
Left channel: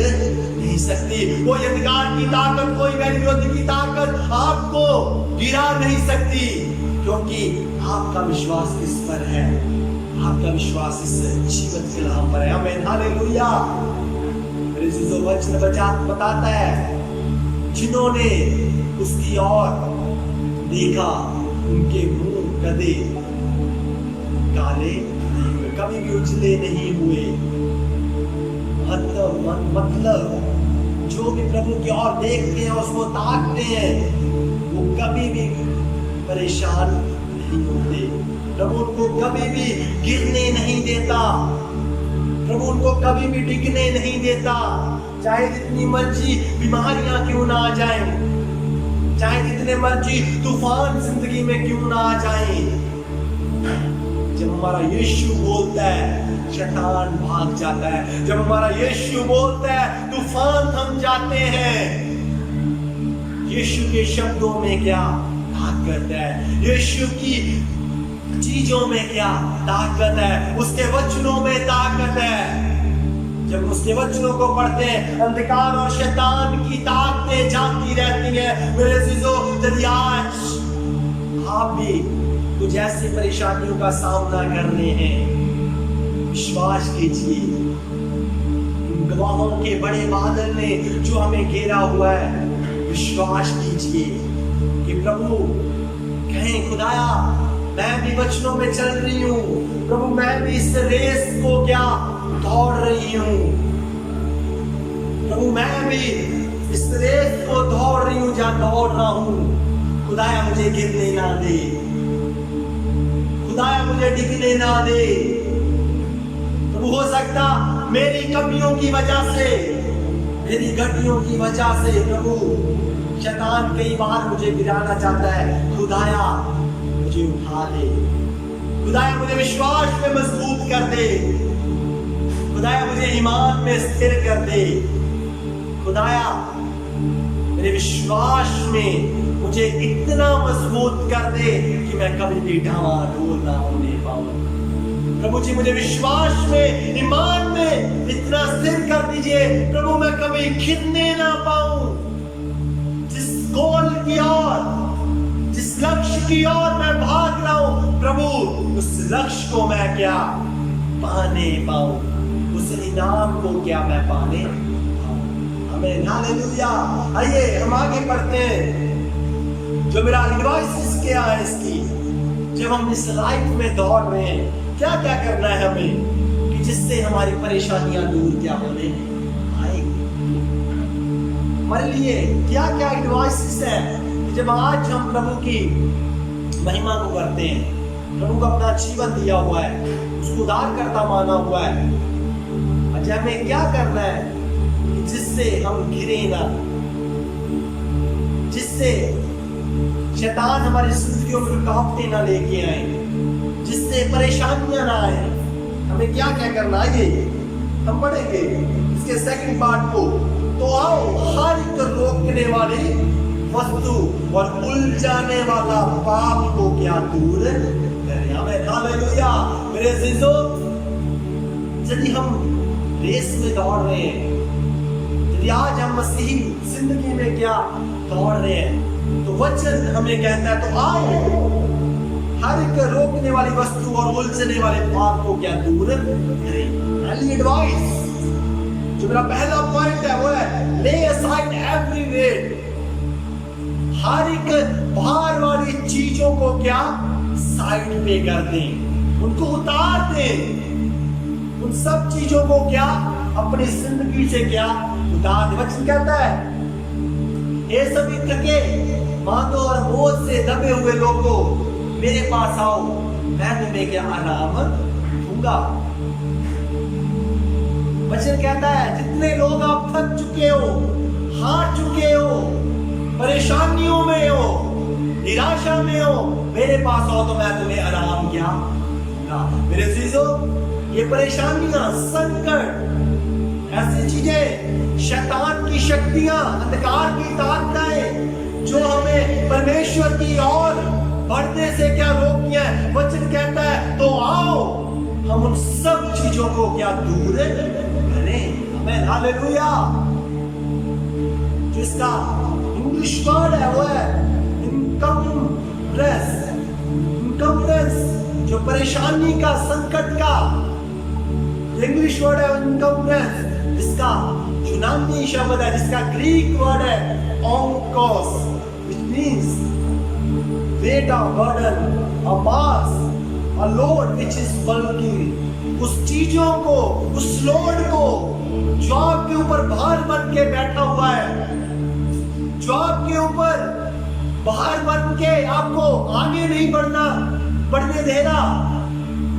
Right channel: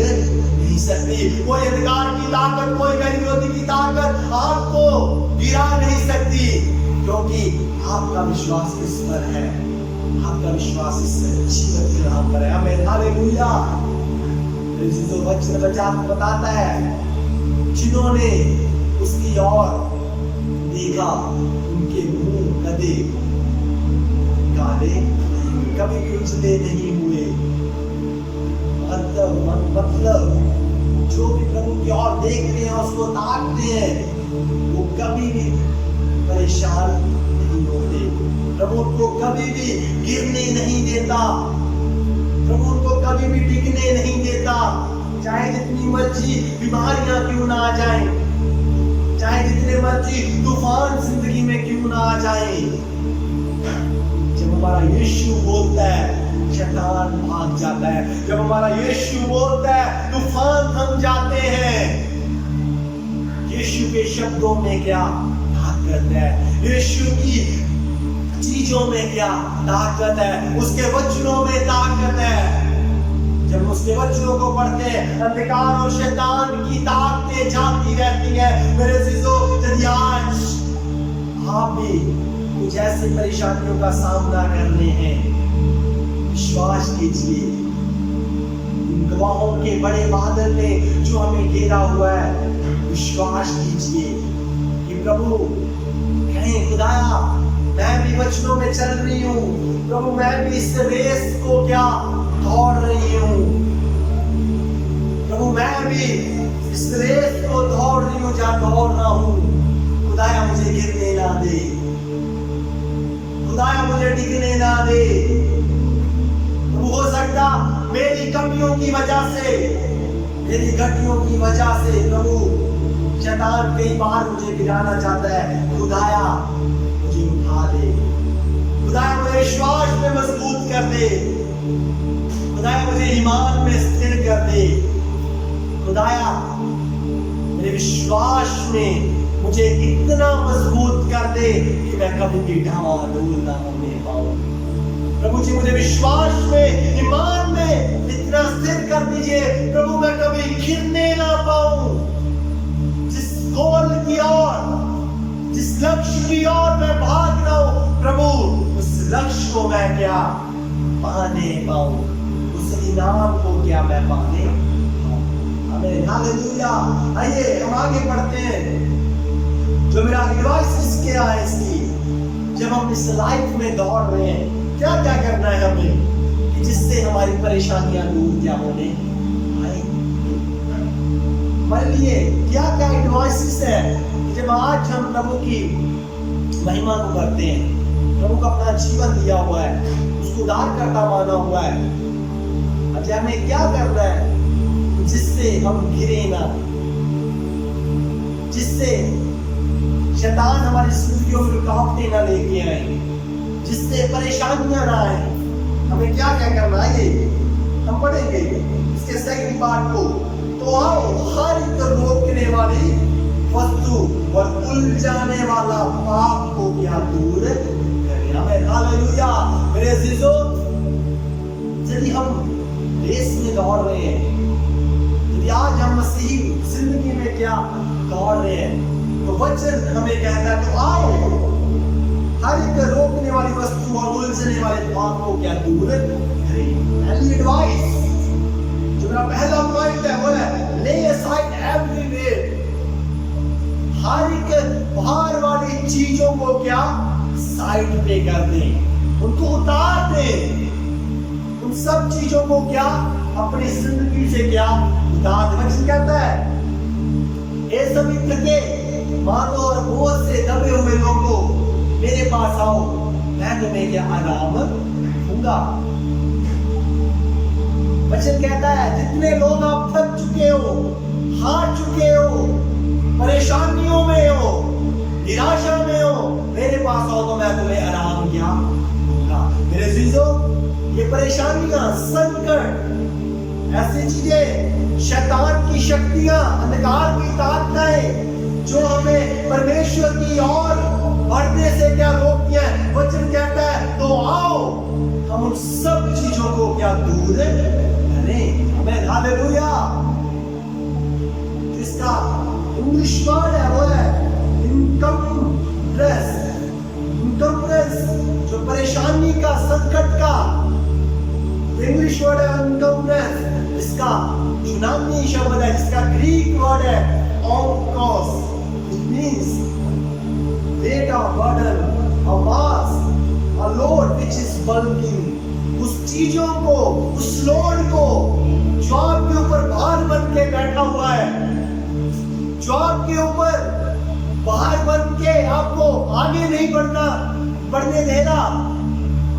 नहीं सकती। कोई अंधकार की ताकत, कोई वैरी विरोधी की ताकत आपको गिरा नहीं सकती, क्योंकि आपका विश्वास किस पर है? आपका विश्वास इस जीवित कलाम पर है, आमीन, हालेलुया। जो वचन बताता है, जिन्होंने उसकी ओर देखा उनके मुंह कदे काले नहीं हुए, कभी भी उजले नहीं हुए। मतलब जो भी प्रभु की ओर देखते हैं, उसको ताकते हैं, वो कभी भी परेशान नहीं होते। प्रभु उनको कभी भी गिरने नहीं देता, प्रभु उनको कभी भी डिगने नहीं देता। चाहे जितनी मर्जी बीमारियां क्यों ना आ जाएं, चाहे जितने मर्जी तूफान जिंदगी में क्यों ना आ जाएं, जब हमारा यीशु बोलता है शैतान भाग जाता है। जब हमारा यीशु बोलता है तूफान थम जाते हैं। यीशु के शब्दों में क्या ताकत है, यीशु की चीजों में क्या ताकत है, उसके वचनों में ताकत है। जब उसके वचनों को पढ़ते हैं, अंधकार और शैतान की ताकतें जाती रहती हैं। मेरे अजीजों, यदि आज आप भी कुछ ऐसी परेशानियों का सामना कर रहे हैं, विश्वास कीजिए, इन गवाहों के बड़े बादल ने जो हमें घेरा हुआ है, विश्वास कीजिए कि प्रभु कहें, खुदाया मैं भी वचनों में चल रही हूँ, प्रभु मैं भी इस रेस को क्या दौड़ रही हूँ, प्रभु मैं भी इस रेस को दौड़ रही हूँ, जहाँ दौड़ रहा हूँ। खुदाया मुझे गिरने ना दे, खुदाया मुझे डिगने ना दे। प्रभु हो सकता मेरी कमियों की वजह से, मेरी घटियों की वजह से प्रभु शैतान कई बार मुझे गिराना चाहता है। खुदाया मुझे उठा दे, खुदाया मुझे विश्वास में मजबूत कर दे, खुदाया मुझे ईमान में स्थिर कर दे, खुदाया मेरे विश्वास में मुझे इतना मजबूत कर दे कि मैं कभी भी डामाडोल ना होने पाऊं। प्रभु जी मुझे विश्वास में, ईमान में इतना स्थिर कर दीजिए प्रभु, मैं कभी गिरने ना पाऊं। जिस गोल की ओर, जिस लक्ष्य की ओर मैं भाग रहा हूं प्रभु, उस लक्ष्य को मैं क्या पाने पाऊं, उस इनाम को क्या मैं पाने पाऊं। आमीन, हालेलुया। आइए हम आगे बढ़ते हैं। जो मेरा एडवाइस क्या है इसकी, जब हम इस लाइफ में दौड़ रहे हैं, क्या क्या करना है हमें कि जिससे हमारी परेशानियां दूर क्या होने आएगी। हमारे लिए क्या क्या एडवाइसेस है कि जब आज हम प्रभु की महिमा को करते हैं, प्रभु का अपना जीवन दिया हुआ है, उसको उद्धारकर्ता माना हुआ है, आज हमें क्या करना है जिससे हम घिरे ना, जिससे शैतान हमारी जिंदगियों में रुकावटें ना लेके आए, जिससे परेशानियां ना आए। हमें क्या क्या करना है ये हम पढ़ेंगे इसके सेकंड पार्ट को। तो आओ हर एक रोकने वाली वस्तु और उलझाने वाला पाप को क्या दूर करें। हमें हालेलुया। मेरे अजीजों, यदि हम रेस में दौड़ रहे हैं, यदि आज हम मसीही जिंदगी में क्या दौड़ रहे हैं, तो वचन हमें कहता है तो आओ हर एक रोकने वाली वस्तु और उलझने वाले पाप को क्या दूर करें। पहली एडवाइस जो मेरा पहला पॉइंट है वो है ले असाइड एवरी वेट। हर एक भार वाली चीजों को क्या साइड पे कर दें, उनको उतार दें, उन सब चीजों को क्या अपनी जिंदगी से क्या उतार दें। वचन कहता है ये सभी थके मानो और बोझ से दबे हुए लोगों मेरे पास आओ, मैं तुम्हें क्या आराम दूंगा। वचन कहता है जितने लोग आप थक चुके हो, हार चुके हो, परेशानियों में हो, निराशा में हो, मेरे पास आओ तो मैं तुम्हें आराम क्या दूंगा। मेरे अजीजों, ये परेशानियां, संकट, ऐसी चीजें, शैतान की शक्तियां, अंधकार की ताकतें जो हमें परमेश्वर की ओर बढ़ने से क्या रोकती है। वचन कहता है तो आओ हम उन सब चीजों को क्या दूर करें। आमीन, हालेलुया। जिसका इंग्लिश वर्ड है वो है इनकम्प्रेस। इनकम्प्रेस जो परेशानी का, संकट का इंग्लिश वर्ड है इनकम्प्रेस, जिसका यूनानी शब्द है, जिसका ग्रीक वर्ड है ओंकोस, which means weight of burden, a mass, a load which is bulking। उस चीजों को, उस लोड को जो आपके ऊपर भार बन के बैठा हुआ है, जो आपके ऊपर भार बन के आपको आगे नहीं बढ़ने दे रहा,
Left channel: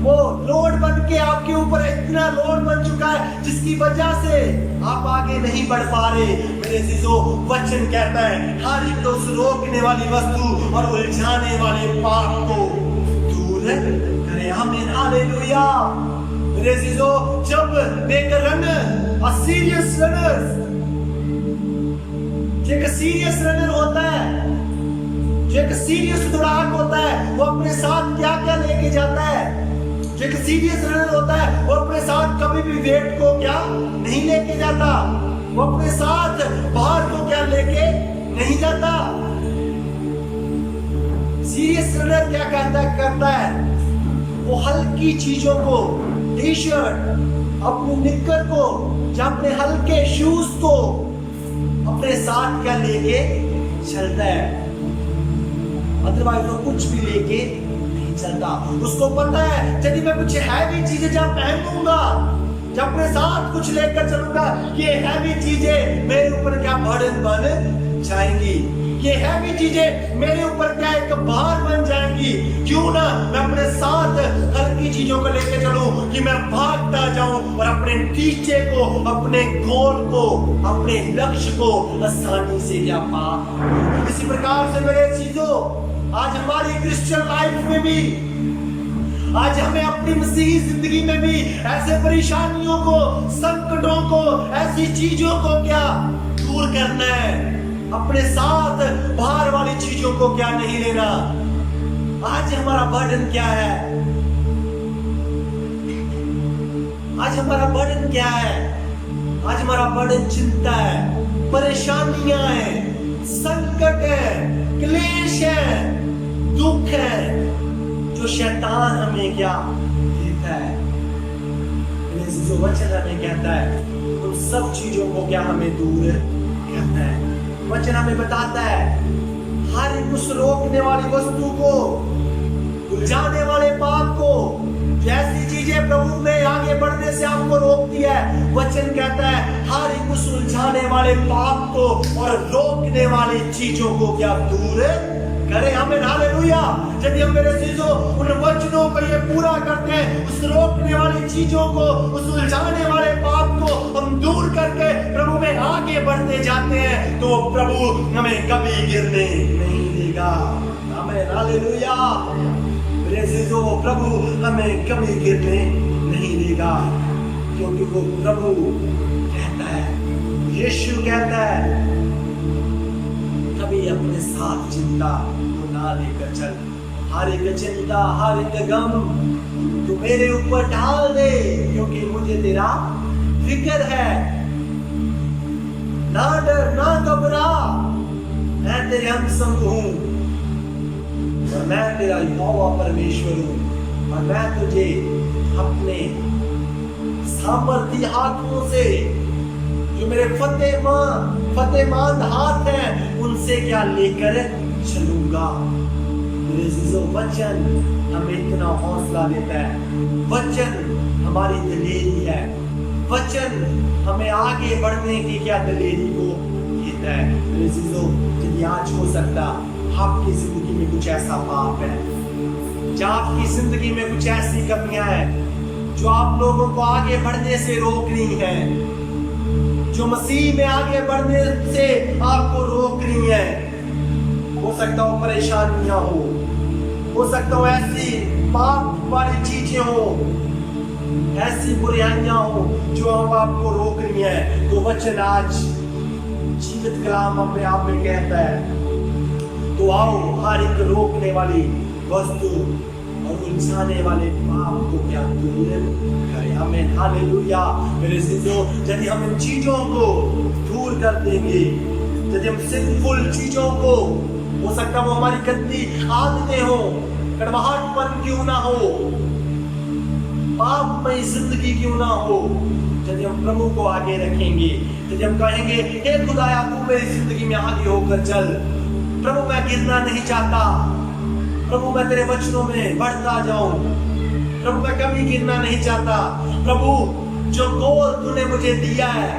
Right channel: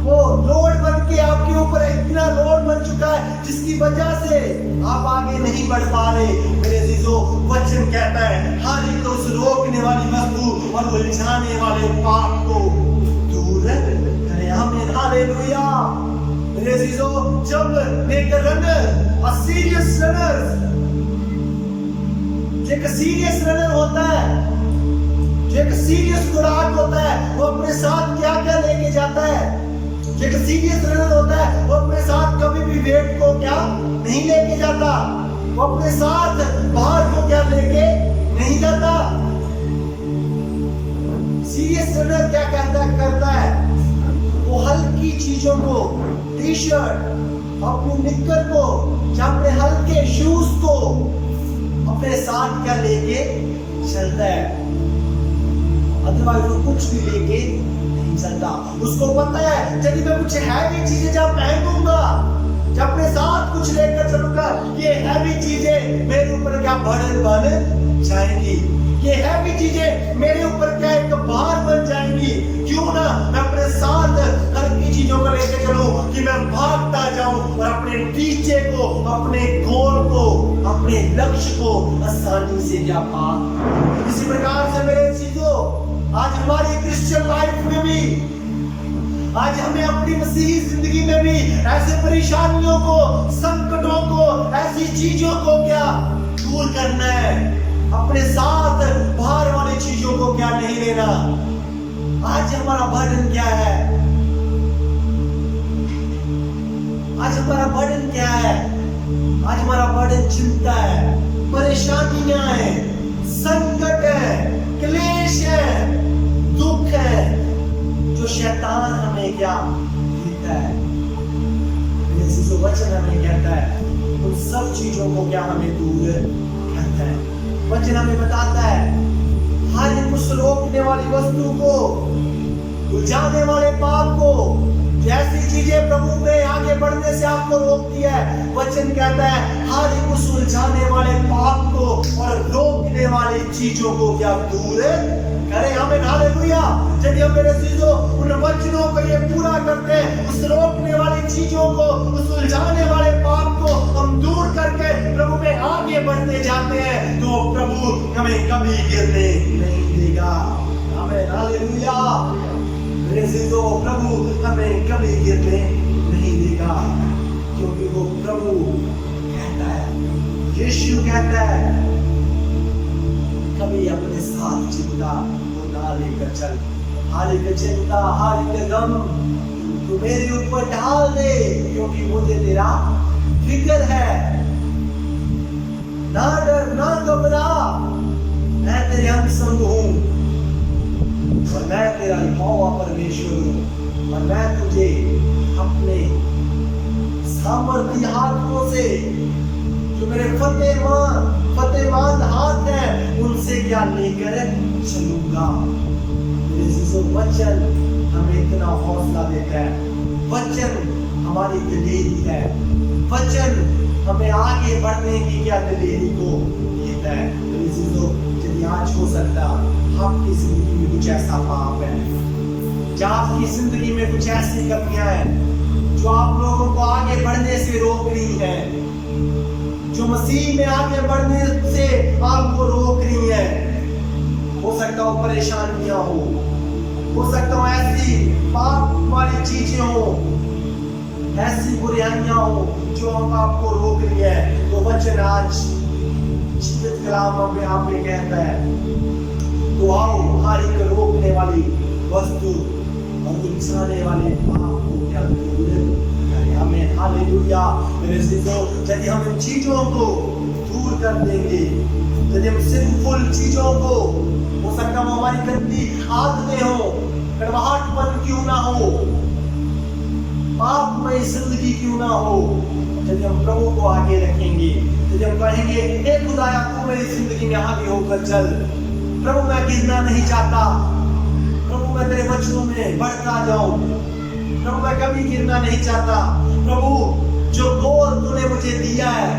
वो लोड बन के आपके ऊपर इतना लोड बन चुका है जिसकी वजह से आप आगे नहीं बढ़ पा रहे। मेरे अजीजों, वचन कहता है हर एक उस रोकने वाली वस्तु और उलझाने वाले पाप को दूर करें। आमीन, हालेलुया। मेरे अजीजों, जब एक रनर, अ सीरियस रनर, जो एक सीरियस रनर होता है, जो एक सीरियस दौड़ाक होता है, वो अपने साथ क्या क्या लेके जाता है। जो एक सीरियस रनर होता है वो अपने साथ कभी भी वेट को क्या नहीं लेके जाता, वो अपने साथ भार को क्या लेके नहीं जाता। सीरियस रनर क्या करता है, वो हल्की चीजों को, टी शर्ट, अपनी निक्कर को या अपने हल्के शूज को अपने साथ क्या लेके चलता है। अदरवाइज वो कुछ भी लेके नहीं चलता। उसको पता है यदि मैं कुछ हैवी चीजें जब पहनूंगा, जब अपने साथ कुछ लेकर चलूंगा, ये हैवी चीजें मेरे ऊपर क्या बर्डन बन जाएंगी, ये हैवी चीजें मेरे ऊपर क्या एक भार बन जाएंगी। क्यों ना मैं अपने साथ हल्की चीजों को लेकर चलूं कि मैं भागता जाऊं और अपने टीचे को, अपने गोल को, अपने लक्ष्य को आसानी से क्या पा। इसी प्रकार से मेरे चीजों, आज हमारी क्रिश्चियन लाइफ में भी, आज हमें अपनी मसीही जिंदगी में भी ऐसे परेशानियों को, संकटों को, ऐसी चीजों को क्या दूर करना है। अपने साथ भार वाली चीजों को क्या नहीं लेना। आज हमारा बर्डन क्या है, आज हमारा बर्डन क्या है। आज हमारा बर्डन चिंता है, परेशानियां हैं, संकट है, क्लेश है, दुख है, जो शैतान हमें क्या देता है। जो वचन हमें कहता है उन सब चीजों को क्या हमें दूर करना है। वचन हमें बताता है हर एक उस रोकने वाली वस्तु को, उलझाने वाले पाप को जैसी चीजें प्रभु में आगे बढ़ने से आपको रोकती है, वचन कहता है हर एक उस उलझाने वाले पाप को और रोकने वाली चीजों को क्या दूर करें। हमें हालेलुया। यदि हम मेरे चीजों उन वचनों को ये पूरा करते हैं, उस रोकने वाली चीजों को, उस उलझाने वाले पाप को हम दूर करके प्रभु में आगे बढ़ते जाते हैं, तो प्रभु हमें कभी गिरने नहीं देगा। हमें हालेलुया। मेरे चीजों प्रभु हमें कभी गिरने नहीं देगा, क्योंकि वो प्रभु कहता है, यीशु कहता है, कभी अपने साथ चिंता को ना लेकर चल। हर एक चिंता, हर एक गम तू मेरे ऊपर डाल दे, क्योंकि मुझे तेरा फिक्र है। ना डर ना घबरा, मैं तेरे हम संग हूं, और मैं तेरा यहोवा परमेश्वर हूं, और मैं तुझे अपने सामर्थी हाथों से, जो मेरे फतेहमंद हाथ हैं, उनसे क्या लेकर चलूंगा। मेरे अजीजों, वचन हमें इतना हौसला देता है, वचन हमारी दिलेरी है, वचन हमें आगे बढ़ने की क्या दिलेरी को देता है। मेरे अजीजों, यदि आज हो सकता आपकी जिंदगी में कुछ ऐसा पाप है, जहाँ आपकी जिंदगी में कुछ ऐसी कमियां हैं जो आप लोगों को आगे बढ़ने से रोक रही हैं, जो मसीह में आगे बढ़ने से आपको रोक रही है। हो सकता हो परेशानियां हो सकता हो ऐसी पाप वाली चीजें हो, ऐसी बुराइयां हो जो आपको रोक रही है। तो वचन आज जीवित कलाम में आप में कहता है, तो आओ हर एक रोकने वाली वस्तु और उलझाने वाले पाप को क्या दूर करें। हमें हालेलुया। मेरे अजीजों, यदि हम इन चीजों को दूर कर देंगे, यदि हम सिंफुल चीजों को, हो सकता है वो हमारी गंदी आदतें हो, कड़वाहटपन क्यों ना हो, पापमय जिंदगी क्यों ना हो, यदि हम प्रभु को आगे रखेंगे, यदि हम कहेंगे हे खुदाया तू मेरी जिंदगी में आगे होकर चल, प्रभु मैं गिरना नहीं चाहता, प्रभु मैं तेरे वचनों में बढ़ता जाऊं, प्रभु मैं कभी गिरना नहीं चाहता, प्रभु जो गोल तूने मुझे दिया है,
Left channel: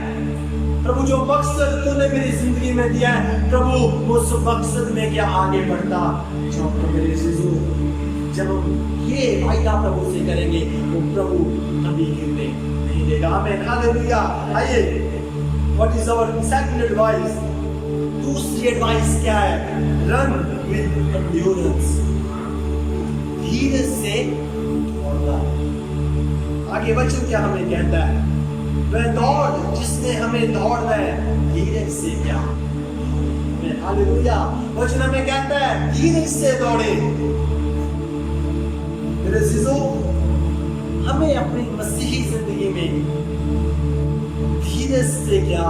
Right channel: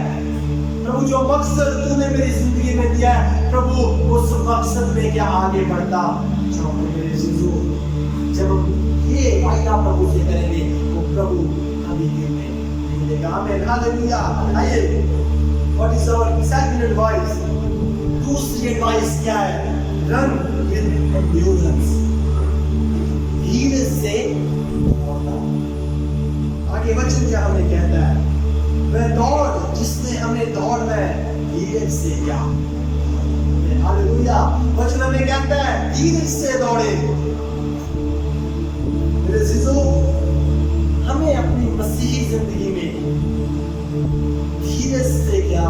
प्रभु जो मकसद तूने मेरी जिंदगी में दिया है, प्रभु उस मकसद में क्या आगे बढ़ता जाऊं। तो मेरे अजीजों, जब हम ये वायदा प्रभु से करेंगे, वो प्रभु कभी गिरने नहीं देगा। आमीन, हालेलुया। आइए, what is our second advice? दूसरी एडवाइस क्या है? रन विद एंड्योरेंस, धीरे से दौड़ना। आगे वचन क्या हमें कहता है? वह दौड़ जिसने हमें दौड़ना है, धीरे से क्या? हालेलुया। वचन हमें कहता है धीरे से दौड़े। मेरे अजीजों, हमें अपनी मसीही जिंदगी में धीरे से क्या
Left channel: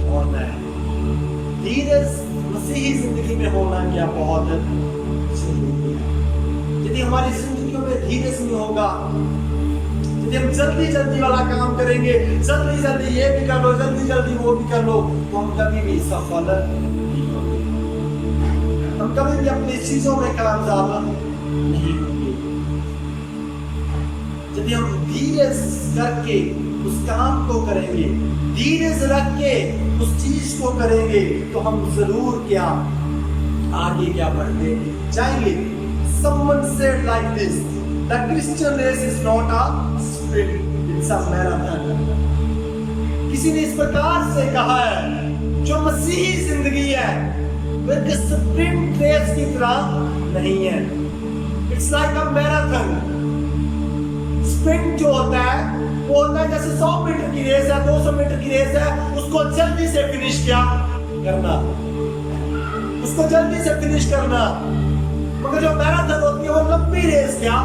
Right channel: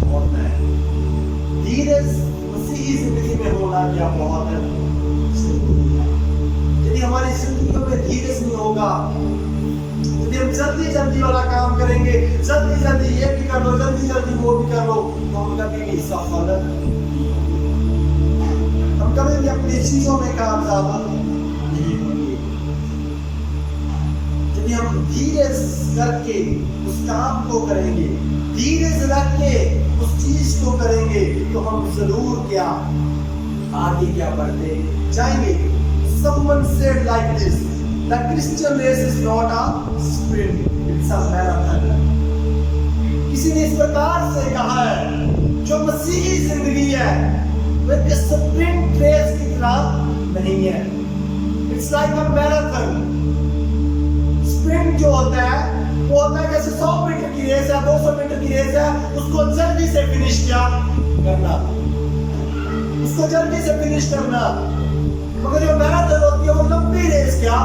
दौड़ना है। धीरे मसीही जिंदगी में होना क्या बहुत जरूरी है। यदि हमारी जिंदगियों में धीरज नहीं होगा, यदि हम जल्दी जल्दी वाला काम करेंगे, जल्दी जल्दी ये भी कर लो, जल्दी जल्दी वो भी कर लो, तो हम कभी भी सफल नहीं होंगे, हम कभी भी अपनी चीजों में कामयाब नहीं होंगे। यदि हम धीरज करके उस काम को करेंगे, धीरज रख के उस चीज को करेंगे, तो हम जरूर क्या आगे क्या बढ़ते जाएंगे। Someone said like this, the Christian race is not a sprint, it's a marathon. किसी ने इस प्रकार से कहा है, जो मसीही जिंदगी है वो एक स्प्रिंट रेस की तरह नहीं है, it's like a marathon. Sprint जो होता है वो होता है जैसे 100 मीटर की रेस है, 200 मीटर की रेस है, उसको जल्दी से फिनिश क्या करना, उसको जल्दी से फिनिश करना। मगर जो मैराथन होती है वो लंबी रेस क्या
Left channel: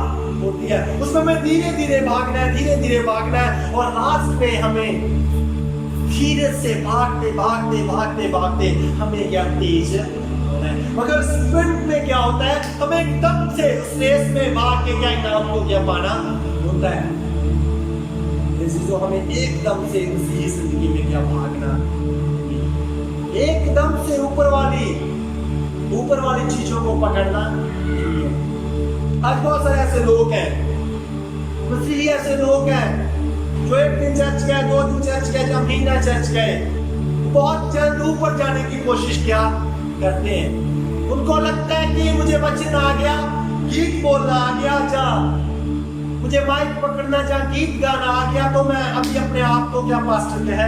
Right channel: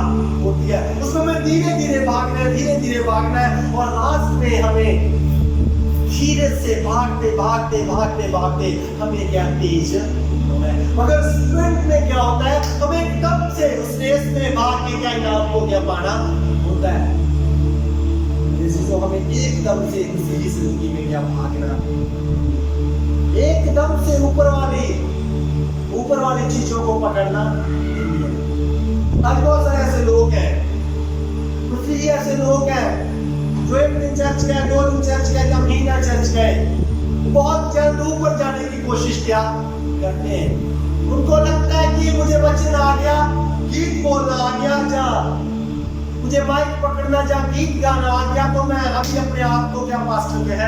होती है, उसमें हमें धीरे धीरे भागना है, धीरे धीरे भागना है, और लास्ट में हमें धीरे से भागते भागते भागते भागते हमें क्या तेज होना है। मगर स्प्रिंट में क्या होता है, हमें एकदम से उस रेस में भाग के क्या इनाम को क्या पाना होता है। तो हमें एकदम से मसीही जिंदगी में क्या भागना, एकदम से ऊपर वाली चीजों को पकड़ना नहीं है। आज बहुत सारे ऐसे लोग हैं मसीही ऐसे लोग हैं जो एक दिन चर्च गए, 2 दिन चर्च गए, या महीना चर्च गए, बहुत जल्द ऊपर जाने की कोशिश क्या करते हैं। उनको लगता है कि मुझे वचन आ गया, गीत बोलना आ गया, जा मुझे माइक पकड़ना, जा गीत गाना आ गया, तो मैं अभी अपने आप को क्या पास्टर कह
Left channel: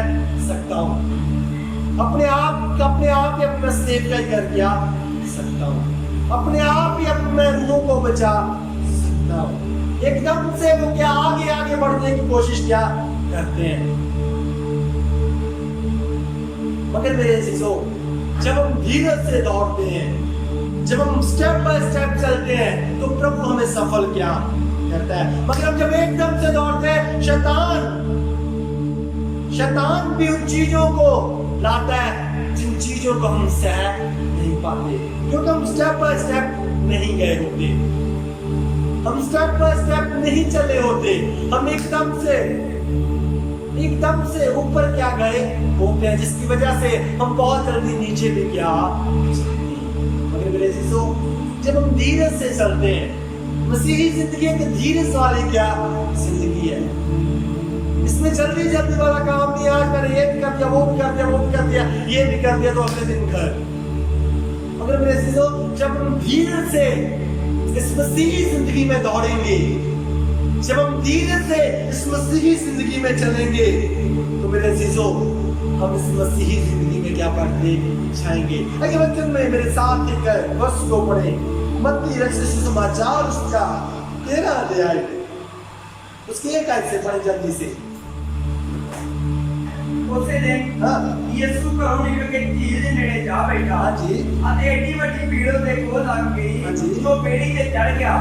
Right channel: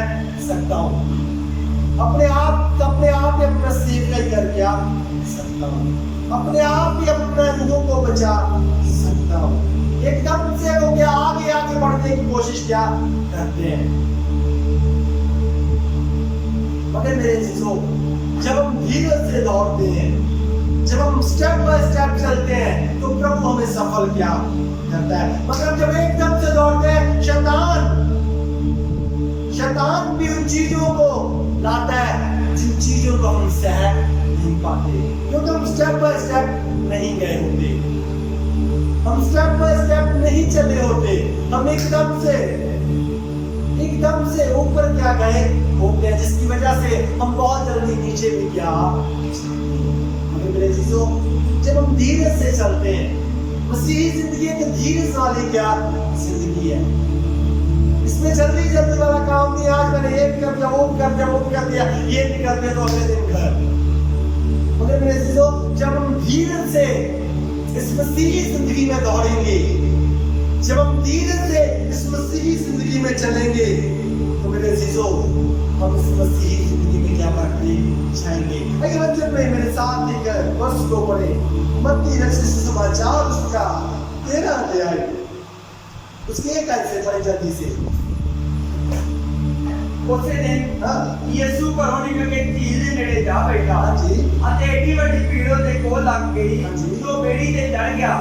सकता हूँ, अपने आप ही अपना सेवकाई कर क्या सकता हूँ, अपने आप ही अपने रूहों को बचा सकता हूँ। एकदम से वो क्या आगे बढ़ने की कोशिश क्या करते हैं। मगर मेरे अजीजों, जब हम धीरज से दौड़ते हैं, जब हम स्टेप बाय स्टेप चलते हैं, तो प्रभु हमें सफल क्या करता है। मगर हम जब एकदम से दौड़ते हैं, शैतान भी उन चीजों को लाता है जिन चीजों को हम सह नहीं पाते, क्योंकि हम स्टेप बाय स्टेप नहीं गए होते, हम स्टेप बाय स्टेप नहीं चले होते, हम एकदम से ऊपर क्या गए होते हैं, जिसकी वजह से हम बहुत जल्दी नीचे भी क्या। मगर मेरे अजीजों, जब हम धीरज से चलते हैं, मसीही जिंदगी एक धीरज वाली क्या जिंदगी है। इसमें जल्दी वाला काम नहीं, आज मैंने ये भी कर दिया, वो भी कर दिया, वो भी कर दिया, ये भी कर दिया, तो अगले दिन घर। मगर मेरे अजीजों, जब हम धीरज से इस मसीही जिंदगी में दौड़ेंगे, जब हम धीरज से इस मसीही जिंदगी में चलेंगे, तो मेरे अजीजों, हम इस मसीही जिंदगी में क्या बढ़ते जाएंगे। अगर वचन में मेरे साथ एक वर्ष को पढ़े, मत्ती रचित सुसमाचार उसका 13 अध्याय, उसके 1 आयत से पढ़े जल्दी से। उसे दिन यीशु घरों निकल के झील ਦੇ ਨੇੜੇ ਜਾ ਬੈਠਾ। ਹਾਂਜੀ। ਅਤੇ ਏਡੀ ਵੱਡੀ ਭੀੜ ਉਹਦੇ ਕੋਲ ਲੱਗ ਗਈ, ਹਾਂਜੀ। ਜੋ ਬੇੜੀ ਤੇ ਚੜ ਗਿਆ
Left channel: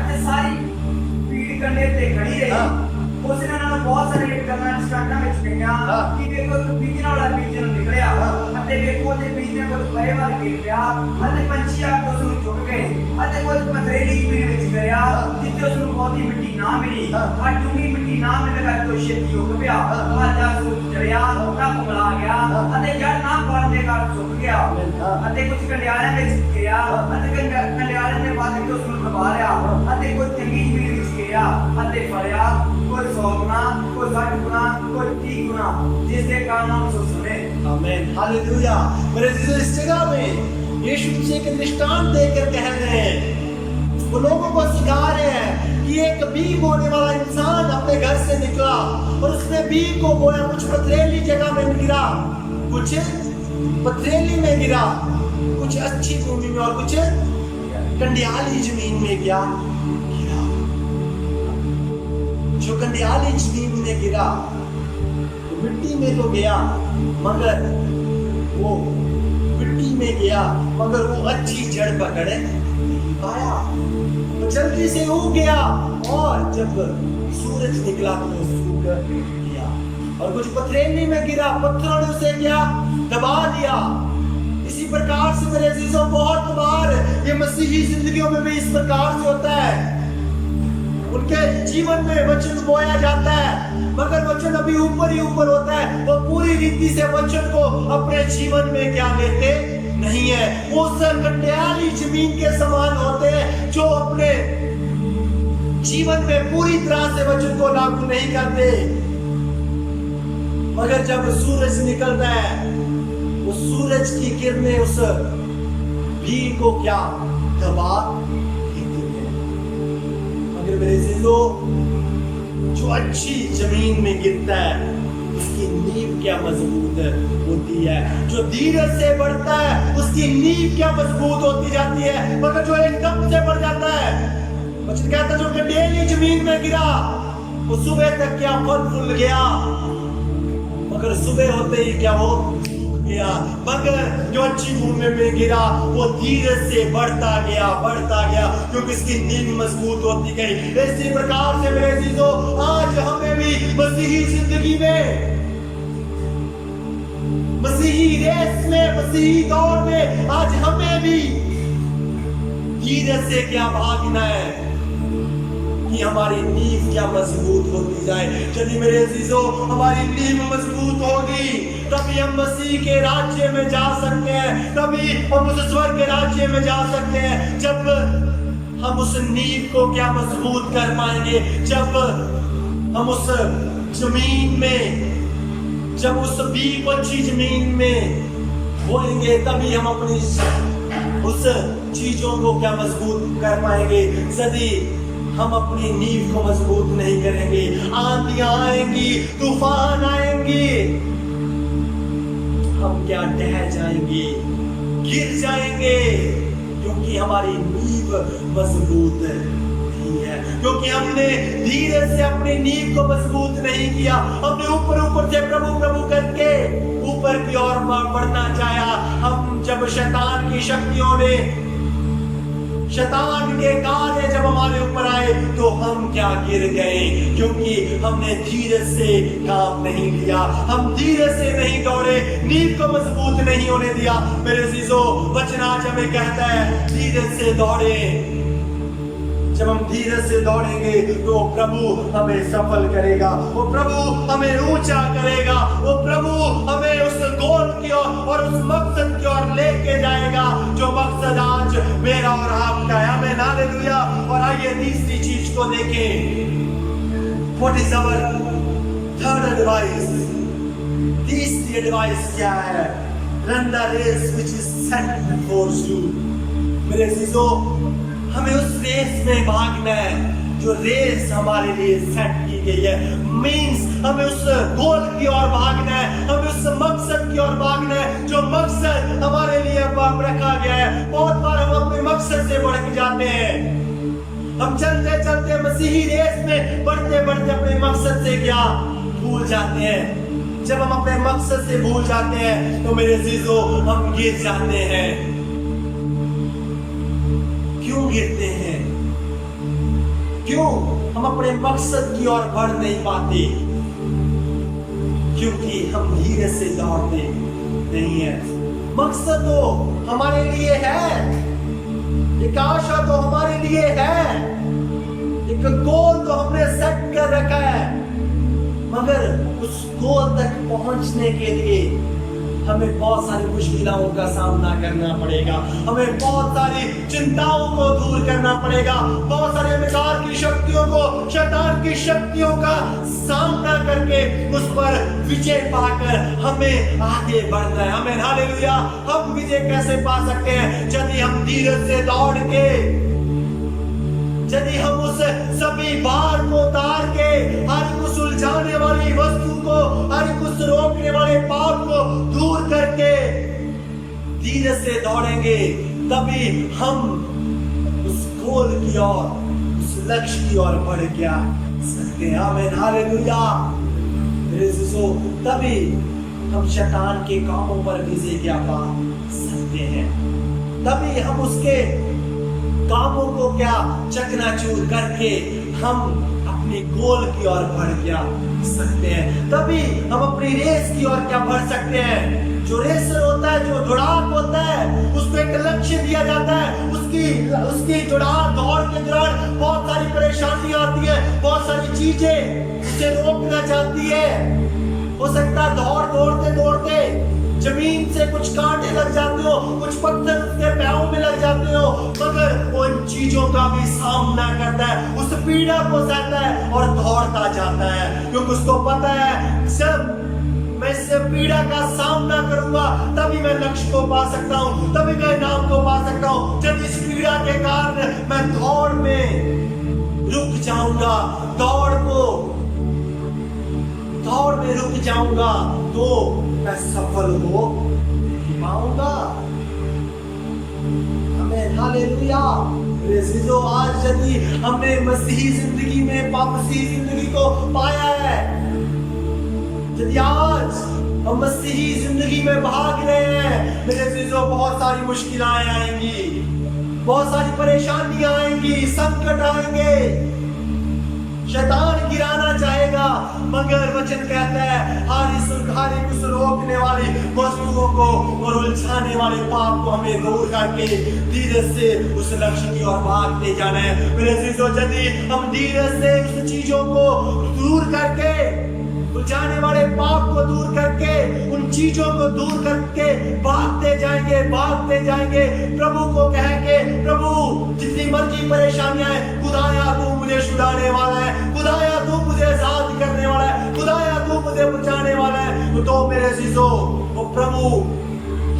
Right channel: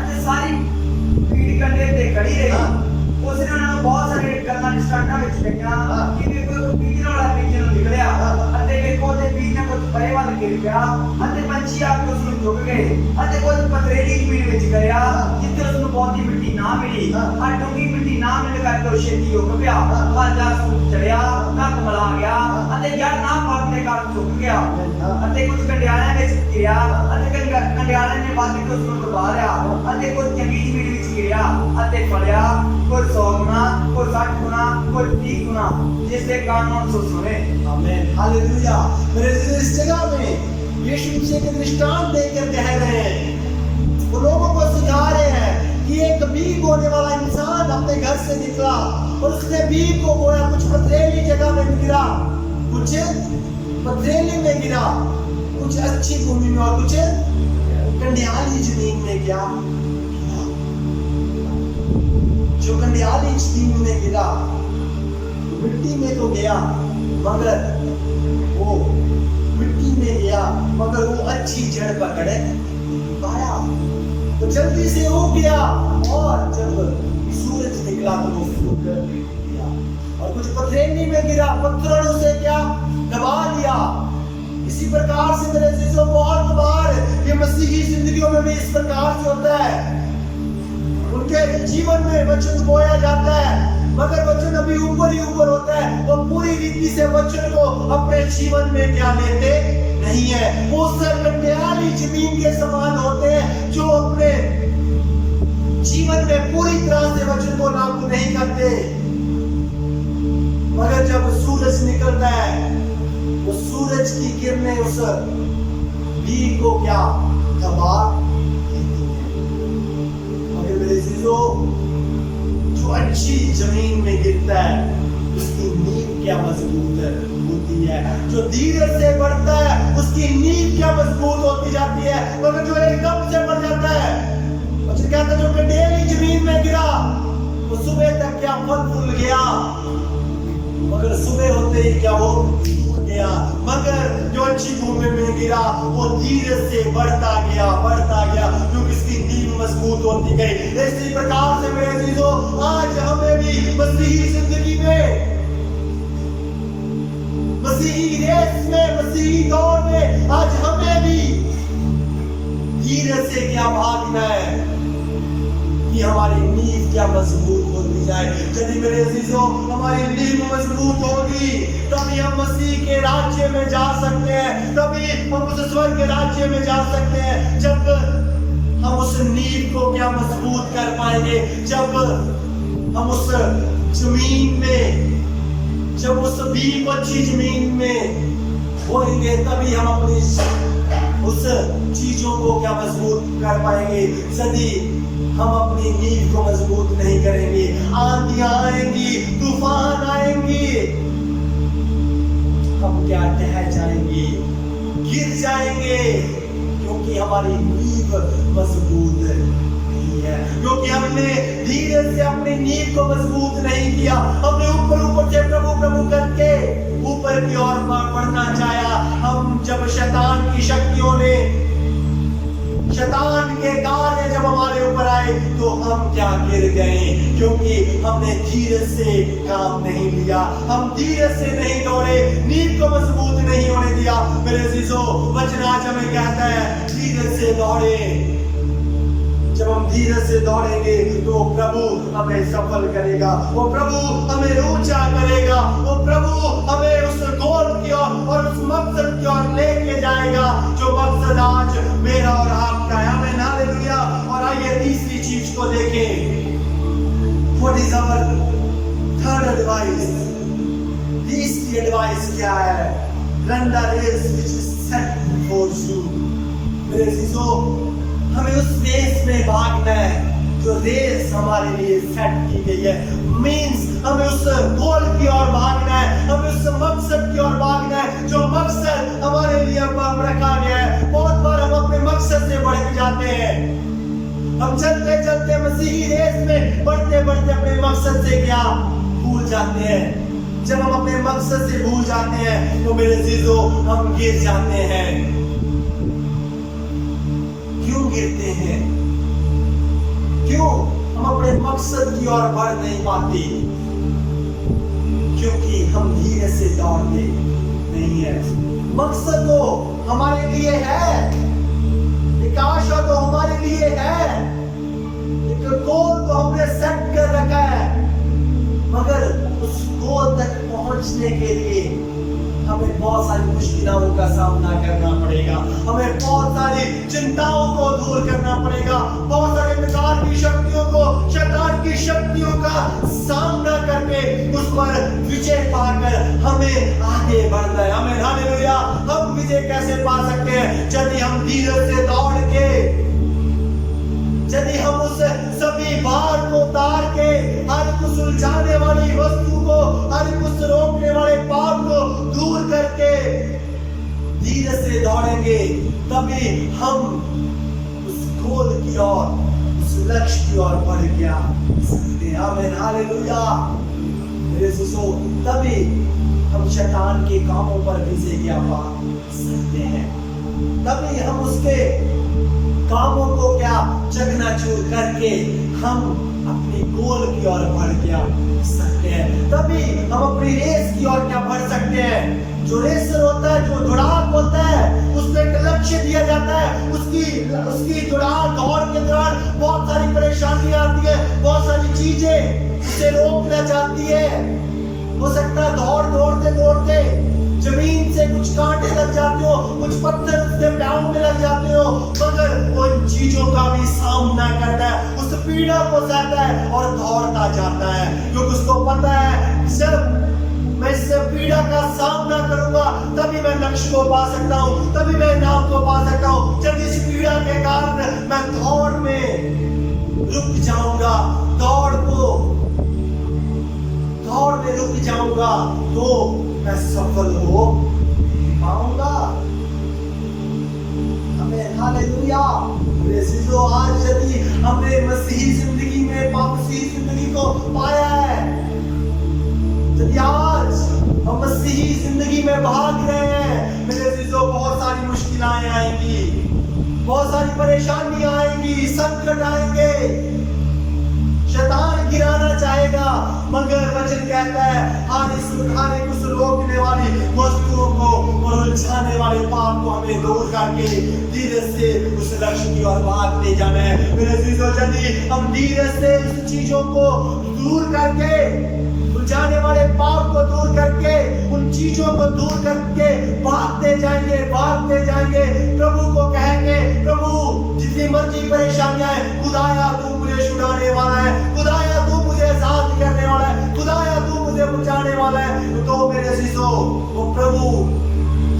ਅਤੇ ਸਾਰੀ ਭੀੜ ਕੰਢੇ ਤੇ ਖੜੀ ਰਹੀ। ਉਸਨੇ ਉਹਨਾਂ ਨੂੰ ਬਹੁਤ ਸਾਰੇ ਗੱਲਾਂ ਸਟਾਰਟਾਂ ਵਿੱਚ ਕਹੀਆਂ ਕਿ ਵੇਖੋ ਇੱਕ ਬੀਜਣ ਵਾਲਾ ਬੀਜਣ ਨੂੰ ਨਿਕਲਿਆ ਅਤੇ ਵੇਖੋ ਉਹਦੇ ਬੀਜ ਨੇ ਕੁਝ ਪਰੇ ਵੱਲ ਗਿਰ ਪਿਆ ਅਤੇ ਪੰਛੀ ਆ ਕੇ ਉਸ ਨੂੰ ਚੁੱਕ ਗਏ ਅਤੇ ਕੁਝ ਪਥਰੀਲੀ ਜ਼ਮੀਨ ਵਿੱਚ ਗਿਆ ਜਿੱਥੇ ਉਸ ਨੂੰ ਬਹੁਤੀ ਮਿੱਟੀ ਨਾ ਮਿਲੀ। ਆ ਡੂੰਘੀ ਮਿੱਟੀ ਨਾ ਮਿਲ ਕਰਕੇ ਉਹ ਛੇਤੀ ਉੱਗ ਪਿਆ, ਬਾਜਾ ਸੁੱਕ ਚੜਿਆ, ਕੱਪ ਮਲਾ ਗਿਆ ਅਤੇ ਜੜ ਨਾ ਫਲਣ ਦੇ ਕਾਰਨ ਸੁੱਕ ਗਿਆ ਅਤੇ ਕੁਝ ਕੰਡਿਆਲਿਆਂ ਵਿੱਚ ਗਿਰਿਆ ਅਤੇ ਕੰਡਿਆਲਿਆਂ ਨੇ ਵੱਧ ਕੇ ਉਸ ਨੂੰ ਦਬਾ ਲਿਆ ਅਤੇ ਕੁਝ ਚੰਗੀ ਜ਼ਮੀਨ ਵਿੱਚ ਗਿਰਿਆ ਅਤੇ ਫਲਿਆ, कोई 100 गुना, कोई 60 गुना, कोई 30 गुना, जिसके कारण हम सो सुने। आमीन, हालेलुया। मेरे अजीजों, इस जगह में यीशु मसीह एक दृष्टांत देकर कह रहे हैं, वो लोगों को सिखा रहे हैं कि एक बीज बोने वाला इंसान अपने घर से निकला और उसने बीज को बोया, कुछ पथरीली जगह में गिरा, कुछ पथरीली में गिरा, कुछ अच्छी भूमि में और कुछ कंडियाली जमीन में गिरा। जो कंडियाली जमीन में गिरा तो मिट्टी में तो गया, मगर वो मिट्टी में गया मगर वो अच्छी जड़ पकड़ नहीं पाया, तो जल्दी से उग गया और जब सूरज निकला तो वो सूख गया। और कुछ पथरीली में गिरा, पत्थरों ने उसे क्या दबा दिया। इसी प्रकार से मेरे अजीजों, बहुत बार ये मसीही जिंदगियों में भी इस प्रकार से होता है। उनके जीवन में वचन बोया जाता है, मगर वचन अभी ऊपर ही ऊपर होता है, वो पूरी रीति से वचन को अपने जीवन में क्या लेते नहीं है। वो कंडियाली जमीन के समान होते हैं जो अपने जीवन में पूरी तरह से वचन को लागू नहीं करते, मगर जब सूरज निकलता है, वो सूरज की किरणें उस बीज को क्या दबा देती है। मगर मेरे अजीजों, जो अच्छी जमीन में गिरता है उसकी नींव क्या मजबूत होती है। जो धीरज से बढ़ता है उसकी नींव क्या मजबूत होती जाती है। मगर जो एकदम से बढ़ जाता है, वचन कहता है जो कंडेली जमीन में गिरा वो सुबह तक क्या फल फूल गया, मगर सुबह होते ही क्या वो सूख गया। मगर जो अच्छी भूमि में गिरा वो धीरज से बढ़ता गया क्योंकि इसकी नींव मजबूत होती गई। इसी प्रकार से मेरे अजीजों, आज हमें भी मसीही जिंदगी में, मसीही रेस में, मसीही दौड़ में आज हमें भी धीरज से क्या भागना है कि हमारी नींव क्या मजबूत होती जाए। यदि मेरे अजीजों हमारी नींव मजबूत होगी तभी हम मसीह के राज्य में जा सकते हैं, तभी हम उस स्वर्ग के राज्य में जा सकते हैं। जब हम उस नींव को क्या मजबूत कर पाएंगे? जब हम उस जमीन में, जब उस बीज को अच्छी जमीन में बोएंगे, तभी हम अपनी उस चीजों को क्या मजबूत कर पाएंगे। यदि हम अपनी नींव को मजबूत नहीं करेंगे, आंधियां आएंगी, तूफान आएंगी, हम क्या ढह जाएंगे, गिर जाएंगे, क्योंकि हमारी नींव मजबूत नहीं है, क्योंकि हमने धीरे से अपनी नींव को मजबूत नहीं किया। हमने ऊपर ऊपर से प्रभु प्रभु करके ऊपर की ओर बढ़ना चाहा। हम जब शैतान की शक्तियों ने, शैतान के कार्य जब हमारे ऊपर आए, तो हम क्या गिर गए, क्योंकि हमने धीरे से काम नहीं लिया, हम धीरे से नहीं दौड़े, नींव को मजबूत नहीं होने दिया। मेरे अजीजों, वचन आज हमें कहता है धीरे से दौड़े। जब हम धीरे से दौड़ेंगे तो प्रभु हमें सफल करेगा, वो प्रभु हमें ऊंचा करेगा, वो प्रभु हमें उस गोल की ओर और उस मकसद की ओर लेके जाएगा, जो मकसद आज मेरा और आपका है। आमीन, हालेलुया। और आइए तीसरी चीज को देखें। What is our third advice? तीसरी एडवाइस क्या है? Run the race which is set before you. मेरे अजीजों, हमें उस रेस में भागना है जो रेस हमारे लिए सेट की गई है। मींस हमें उस गोल की ओर भागना है, हमें उस मकसद की ओर भागना है जो मकसद हमारे लिए रखा गया है। बहुत बार हम अपने मकसद से भटक जाते हैं। हम चलते चलते मसीही रेस में बढ़ते बढ़ते अपने मकसद से क्या भूल जाते हैं। जब हम अपने मकसद से भूल जाते हैं तो मेरे अजीजों, हम गिर जाते हैं। क्यों गिरते हैं? क्यों हम अपने मकसद की ओर बढ़ नहीं पाते? क्योंकि हम धीरे से दौड़ते नहीं है। मकसद तो हमारे लिए है, एक आशा तो हमारे लिए है, एक गोल तो हमने सेट कर रखा है, मगर उस गोल तक पहुंचने के लिए हमें बहुत सारी मुश्किलों का सामना करना पड़ेगा, हमें बहुत सारी चिंताओं को दूर करना पड़ेगा, बहुत सारे अंधकार की शक्तियों को, शैतान की शक्तियों का सामना करके उस पर विजय पाकर हमें आगे बढ़ना है। आमीन, हालेलुया। हम विजय कैसे पा सकते हैं? यदि हम धीरे से दौड़ के, यदि हम उस सभी भार को उतार के, हर एक सुलझाने वाली वस्तु को, हर एक रोकने वाले पाप को दूर करके धीरे से दौड़ेंगे, तभी हम उस गोल की ओर, उस लक्ष्य की ओर बढ़ क्या सकते हैं। आमीन, हालेलुया। तभी हम शैतान के कामों पर विजय क्या पा सकते हैं, तभी हम उसके कामों को क्या चकनाचूर करके हम अपनी गोल की ओर बढ़ क्या सकते हैं, तभी हम अपनी रेस की ओर क्या बढ़ सकते हैं। जो रेसर होता है, जो दौड़ाक होता है, उसको एक लक्ष्य दिया जाता है, उसकी दौड़ के दौरान बहुत सारी परेशानियां आती है, बहुत सारी चीजें उसे रोकना चाहती है। हो सकता है दौड़ते दौड़ते जमीन से कुछ कांटे लग जाते हो, कुछ पत्थर उसके पैरों में लग जाते हो, मगर उन चीजों का भी सामना करता है, उस पीड़ा को सहता है और दौड़ता जाता है, क्योंकि उसको पता है जब मैं इस पीड़ा का सामना करूंगा तभी मैं लक्ष्य को पा सकता हूं, तभी मैं नाम को पा सकता हूं। जब इस पीड़ा के कारण मैं दौड़ में रुक जाऊंगा, दौड़ में रुक जाऊंगा, तो मैं सफल हो नहीं पाऊंगा। हमें हालेलुया। आज यदि हमने मसीही जिंदगी में मसीही जिंदगी को पाया है, यदि आज हम मसीही जिंदगी में भाग रहे हैं, मेरे अजीजों, बहुत सारी मुश्किलें आएंगी, बहुत सारी परेशानियां आएंगी, संकट आएंगे, शैतान गिराना चाहेगा, मगर वचन कहता है हर इस रोकने वाली वस्तुओं को और उलझाने वाले पाप को हमें दूर करके धीरे से उस लक्ष्य की ओर भागते जाना है। मेरे अजीजों, यदि हम धीरे से उस चीजों को दूर करके, उलझाने वाले पाप को दूर करके, उन चीजों को दूर करके भागते जाएंगे, प्रभु को कहेंगे, प्रभु जितनी मर्जी परेशानियां है, खुदाया तू मुझे छुड़ाने वाला है, खुदाया तू मुझे आजाद करने वाला है, खुदाया तू मुझे बचाने वाला है। तो मेरे अजीजों, वो प्रभु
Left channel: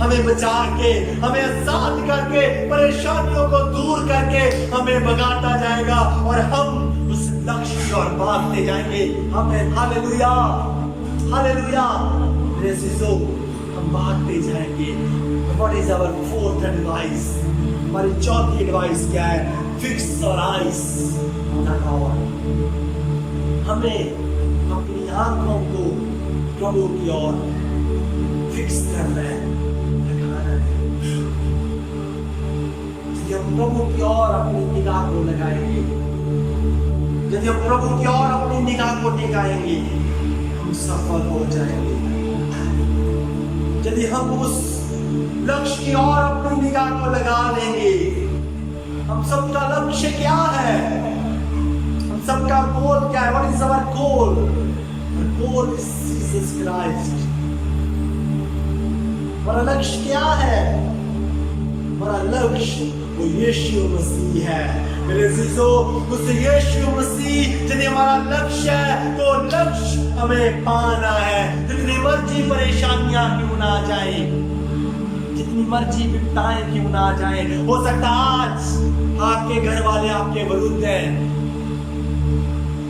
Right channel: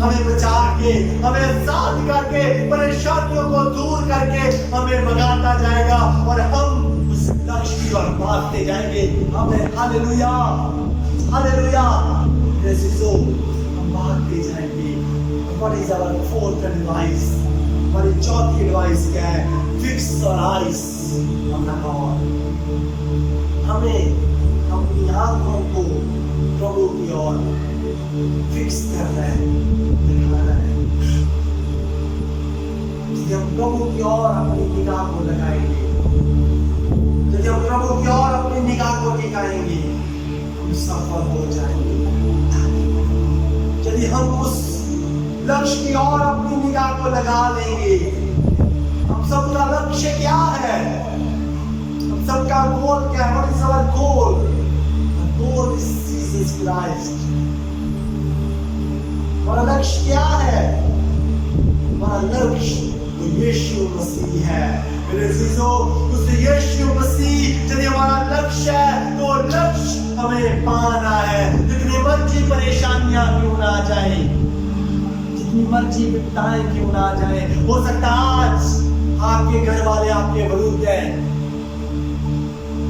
हमें बचा के, हमें आजाद करके, परेशानियों को दूर करके हमें भगाता जाएगा और हम उस लक्ष्य की ओर भागते जाएंगे। हमें हालेलुया, हालेलुया। मेरे अजीजों, हम भागते जाएंगे। What is our fourth advice? हमारी चौथी एडवाइस क्या है? Fix your eyes on the Lord. हमें अपनी आंखों को प्रभु की ओर फिक्स करना है, लगाना है। यदि हम प्रभु की ओर अपनी निगाह को लगाएंगे, यदि हम प्रभु की ओर अपनी निगाह को टिकाएंगे, हम सफल हो जाएंगे। यदि हम उस लक्ष्य की ओर अपनी निगाह को लगा लेंगे, हम सबका लक्ष्य क्या है? हम सबका गोल क्या है? What is our goal? Our goal is Jesus Christ. हमारा लक्ष्य क्या है? हमारा लक्ष्य वो यीशु मसीह है। मेरे अजीजों, उस यीशु मसीह यदि हमारा लक्ष्य है, तो लक्ष्य हमें पाना है। जितनी मर्जी परेशानियां क्यों ना जाए, जितनी मर्जी विपदाएं क्यों ना जाए, हो सकता आज आपके घर वाले आपके विरुद्ध हैं,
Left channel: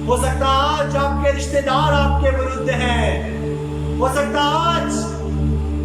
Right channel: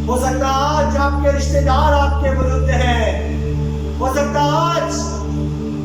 हो सकता आज आपके रिश्तेदार आपके विरुद्ध हैं, हो सकता आज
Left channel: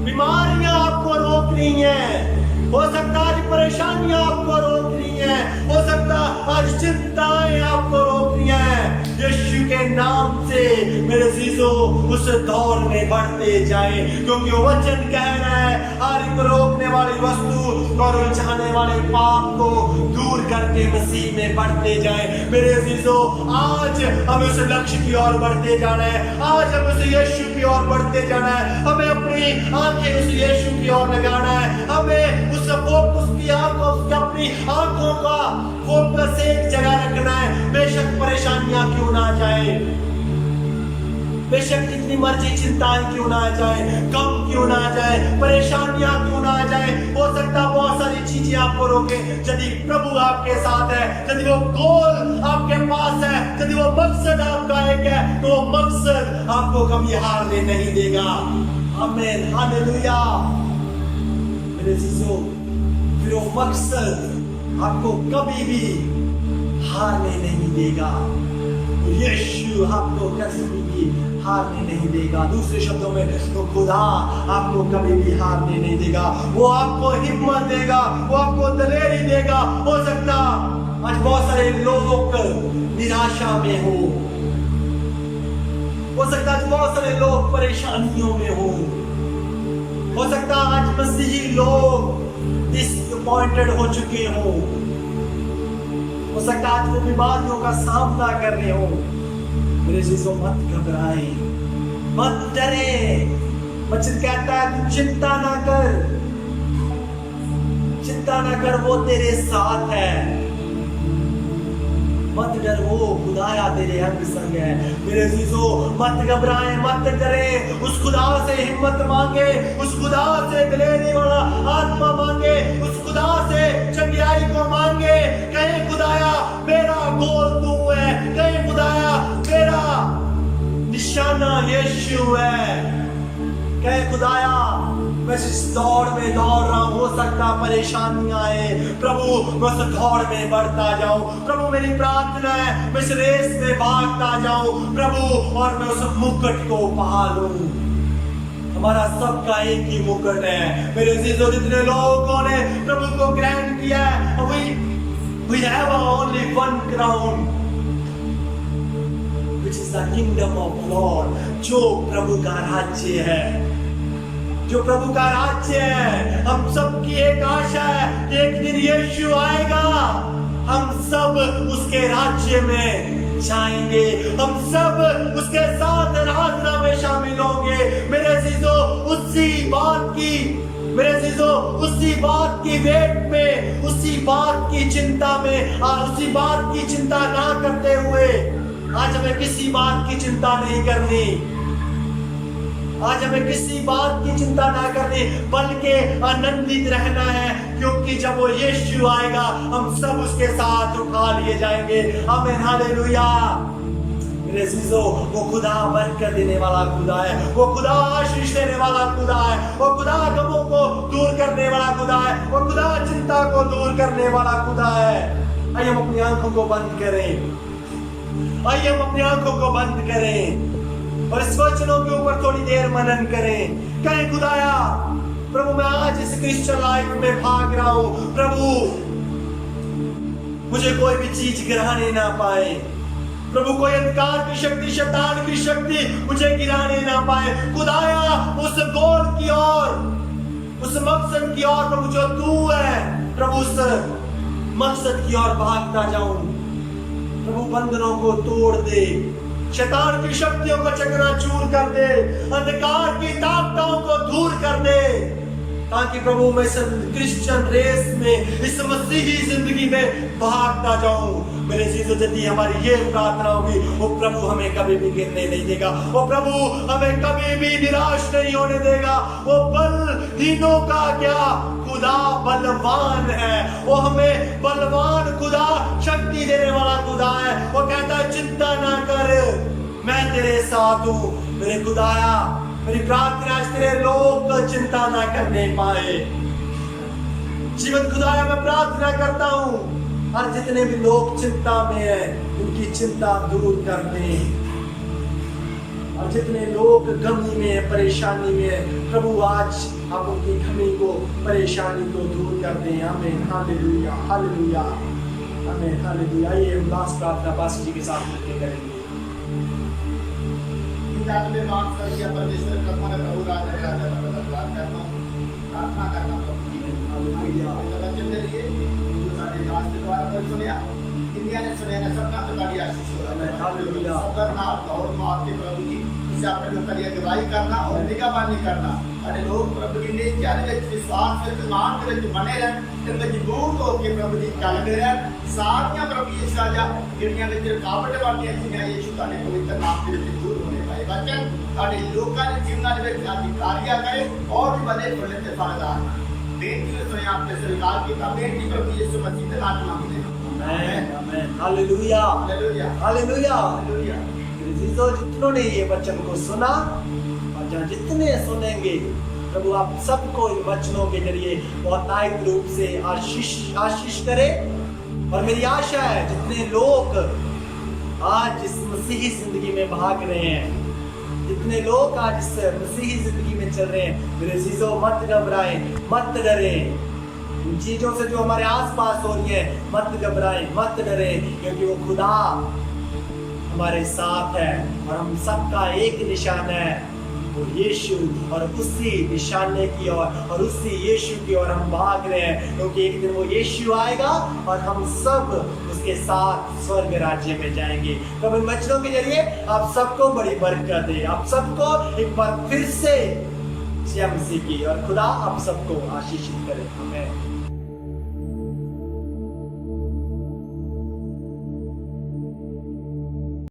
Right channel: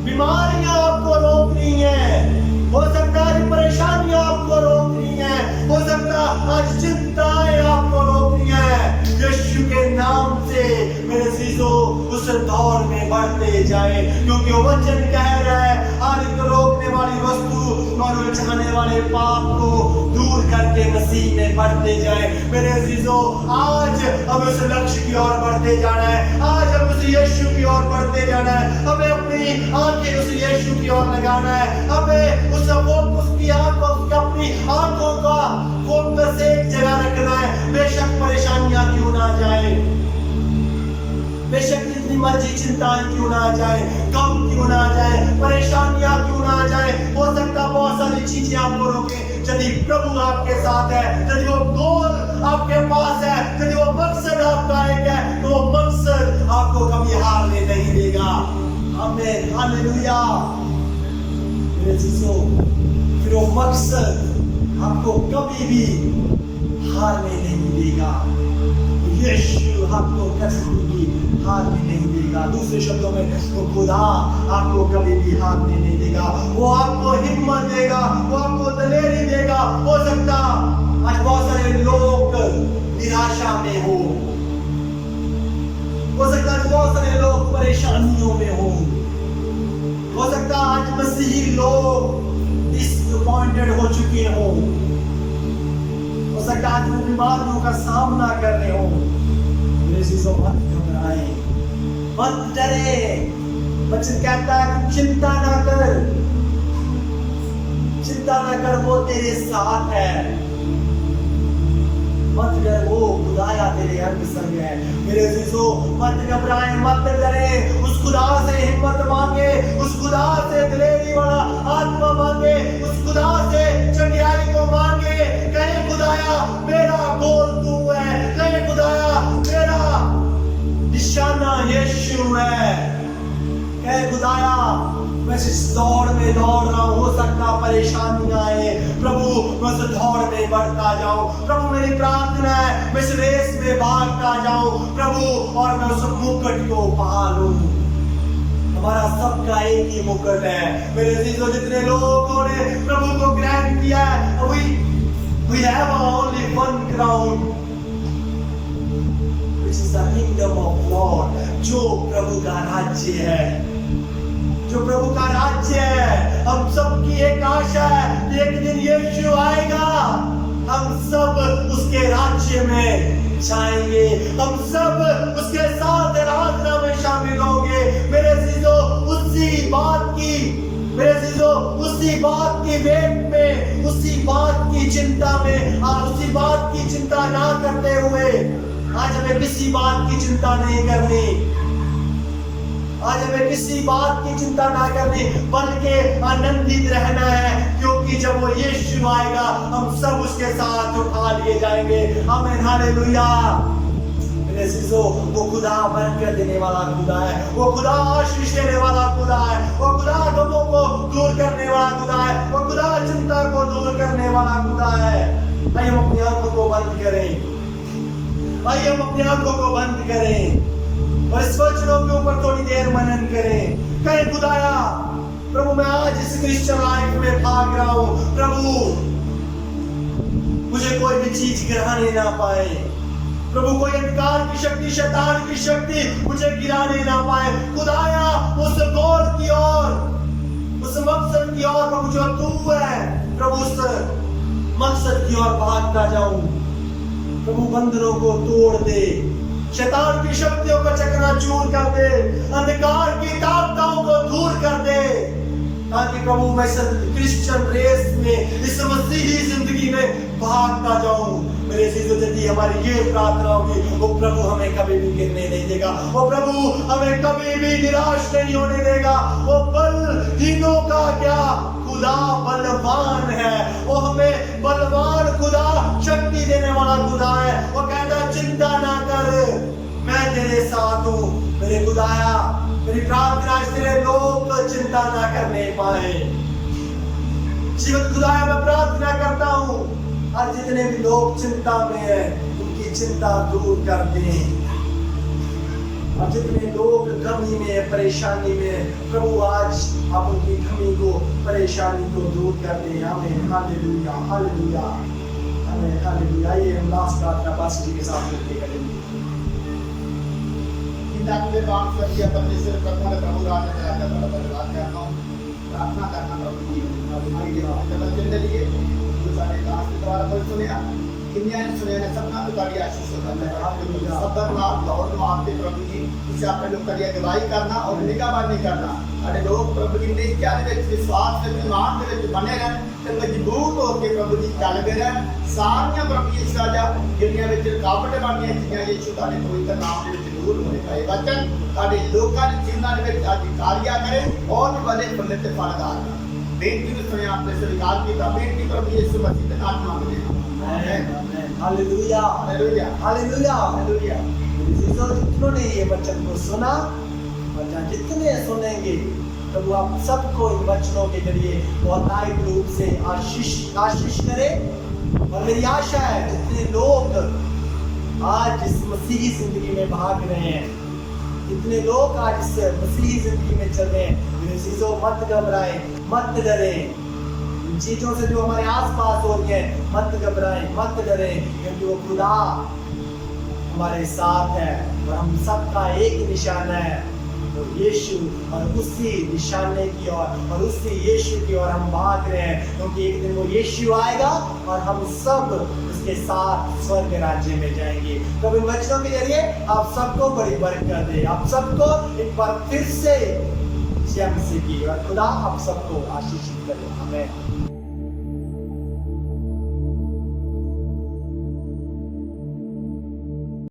बीमारियां आपको रोक रही हैं, हो सकता आज परेशानियां आपको रोक रही हैं, हो सकता आज चिंताएं आपको रोक रही हैं। यीशु के नाम से मेरे अजीजों, उस दौर में बढ़ते जाए, क्योंकि वो वचन कह रहा है हर एक रोकने वाली वस्तु और उलझाने वाले पाप को दूर करके मसीह में बढ़ते जाए। मेरे अजीजों, आज हमें उस लक्ष्य की ओर बढ़ते जाना है, आज हमें उस यीशु की ओर बढ़ते जाना है, हमें अपनी आंखें उस यीशु की ओर लगाना है, हमें उस फोकस की आंखों, अपनी आंखों का फोकस एक जगह रखना है। बेशक परेशानियां क्यों ना जाए, बेशक जितनी मर्जी चिंताएं क्यों ना जाए, गम क्यों ना जाए, परेशानियां क्यों ना जाए, हो सकता बहुत सारी चीजें आपको रोके। यदि प्रभु आपके साथ है, यदि वो गोल आपके पास है, यदि वो मकसद आपका एक है, तो वो मकसद आपको कभी हारने नहीं देगा। आमीन, हालेलुया। मेरे चीजों, फिर वो मकसद आपको कभी भी हारने नहीं देगा। यीशु आपको कभी भी हारने नहीं देगा। दूसरे शब्दों में, तो खुदा आपको कभी भी हारने नहीं देगा। वो आपको हिम्मत देगा, वो आपको दलेरी देगा। हो सकता आज बहुत सारे लोग निराशा में हो सकता आज बहुत सारे लोग परेशानियों में हो सकता आज मसीही लोग डिसअपॉइंटेड हो चुके हो सकता आज वो बीमारियों का सामना कर रहे हो। मेरे अजीजों, मत घबराए, मत डरे। वचन कहता है तू चिंता ना कर, चिंता ना कर, वो तेरे साथ है। मत डर, वो खुदाया तेरे हर संग है। मेरे अजीजों, मत घबराएं, मत डरें। उस खुदा से हिम्मत मांगे, उस खुदा से दिलेरी वाला आत्मा मांगे, उस खुदा से चंगियाई को मांगे। कहे खुदाया मेरा गोल तू है, कहे खुदाया मेरा निशाना यीशु है। कहे खुदाया मैं इस दौड़ में दौड़ रहा हूं, हो सकता परेशानियां आए, प्रभु मैं उस दौड़ में बढ़ता जाऊं। प्रभु मेरी प्रार्थना है मैं इस रेस में भागता जाऊं प्रभु, और मैं उस मुकुट को पा लूं। हमारा सबका एक ही मुकुट है। मेरे अजीजों, जितने लोगों ने प्रभु को ग्रहण किया है, we have only one crown, which is the kingdom of God, जो प्रभु का राज्य है, जो प्रभु का राज्य है। हम सबकी एक आशा है कि एक दिन यीशु आएगा, हम सब उसके राज्य में जाएंगे, हम सब उसके साथ आराधना में शामिल होंगे। मेरे अजीजों, उसी बात की मेरे अजीजों, उसी बात की वेट में, उसी बात की चिंता में, और उसी बात की चिंता ना करते हुए आज हमें किसी बात की चिंता नहीं करनी। आज हमें किसी बात की चिंता ना करनी, बल्कि आनंदित रहना है, क्योंकि जब वो यीशु आएगा हम सब उसके साथ उठा लिए जाएंगे। आमीन, हालेलुया। मेरे अजीजों, वो खुदा बरकत देने वाला खुदा है, वो खुदा आशीष देने वाला खुदा है, वो खुदा गमों को दूर करने वाला खुदा है, वो खुदा चिंता को दूर करने वाला खुदा है। आइए हम अपनी आंखों को बंद करें, आइए हम अपनी आंखों को बंद करें और इस वचनों के ऊपर थोड़ी देर मनन करें। कहें, खुदाया प्रभु, मैं आज इस क्रिश्चियन लाइफ में भाग रहा हूं, प्रभु मुझे कोई भी चीज गिराने ना पाए, प्रभु कोई अंधकार की शक्ति, शैतान की शक्ति मुझे गिराने ना पाए। खुदाया उस गोल की ओर, उस मकसद की ओर प्रभु जो तू है, प्रभु उस मकसद की ओर भागता जाऊं। प्रभु बंधनों को तोड़ दे, शैतान की शक्तियों को चकनाचूर कर दे, अंधकार की ताकतों को दूर कर दे, ताकि प्रभु मैं क्रिश्चियन रेस में, इस मसीही जिंदगी में भागता जाऊं। मेरे जीजो, यदि हमारी ये प्रार्थना होगी, वो प्रभु हमें कभी भी गिरने नहीं देगा, वो प्रभु हमें कभी भी निराश नहीं होने देगा। वो बलहीनों का क्या खुदा बलवान है, वो हमें बलवान खुदा, शक्ति देने वाला खुदा है। वो कहता है, चिंता ना कर, मैं तेरे साथ हूं। मेरे खुदाया, मेरी प्रार्थना है तेरे लोग चिंता ना करने पाए। जीवन खुदाया, मैं प्रार्थना करता हूं, और जितने भी लोग चिंता में हैं उनकी चिंता दूर कर दे, और जितने लोग गमी में, परेशानी में, प्रभु आज आप उनकी गमी को, परेशानी को दूर कर दें। आमीन, हालेलुया, हालेलुया, आमीन, हालेलुया। आइए हम लास्ट प्रार्थना पास जी के साथ मिलकर करेंगे। परमेश्वर प्रभु ने प्रभु राज में आकर धन्यवाद करता हूं, प्रार्थना करना प्रभु जी हालेलुया वचन के लिए जो सारे आज के द्वारा पर सुनिया, दुनिया ने सुने ना, सबका तो कभी आशीष होगा। मैं हालेलुया सबर ना और आपके प्रभु जी इसे आपने जो करिए गवाही करना और निगरानी करना, अरे लोग प्रभु जी ने क्या विश्वास से मान के बने रहे, तो मजबूत होकर प्रभु जी चलते रहे। सारियां प्रभु यीशु राजा दुनिया में रुकावट वाली चीज़ां यीशु तारे पवित्र नाम से दूर होने पाए। वचन तारे लोकां के जीवन में कार्य करे और भी बड़े फल ते फलदार। बेटी ने सुने आपने स्वीकार किया, बेटी प्रभु यीशु मसीह के नाम मांगते हैं। आमीन, आमीन, हालेलुया, हालेलुया, हालेलुया, हालेलुया। मेरे जीजो, जितनों ने ये वचन को सुना और जहाँ जितने सुनेंगे, प्रभु आप सबको इन वचनों के जरिए बहुतायत रूप से आशीष करे। और मेरी आशा है जितने लोग आज इस मसीही जिंदगी में भाग रहे हैं, जितने लोग आज इस मसीही जिंदगी में चल रहे हैं, मेरे जीजो मत घबराएं, मत डरें। इन चीजों से जो हमारे आसपास हो रही है, मत घबराएं, मत डरें, क्योंकि वो खुदा हमारे साथ है और हम सबका एक निशाना है, वो यीशु, और उसी निशाने की ओर और उसी यीशु की ओर हम भाग रहे हैं, क्योंकि एक दिन वो यीशु आएगा और हम सब उसके साथ स्वर्ग राज्य में जाएंगे। तो इन वचनों के जरिए आप सबको बड़ी बरकत दे, आप सबको एक बार फिर से जय मसीह की, और खुदा आप सबको आशीषित करे। आमीन।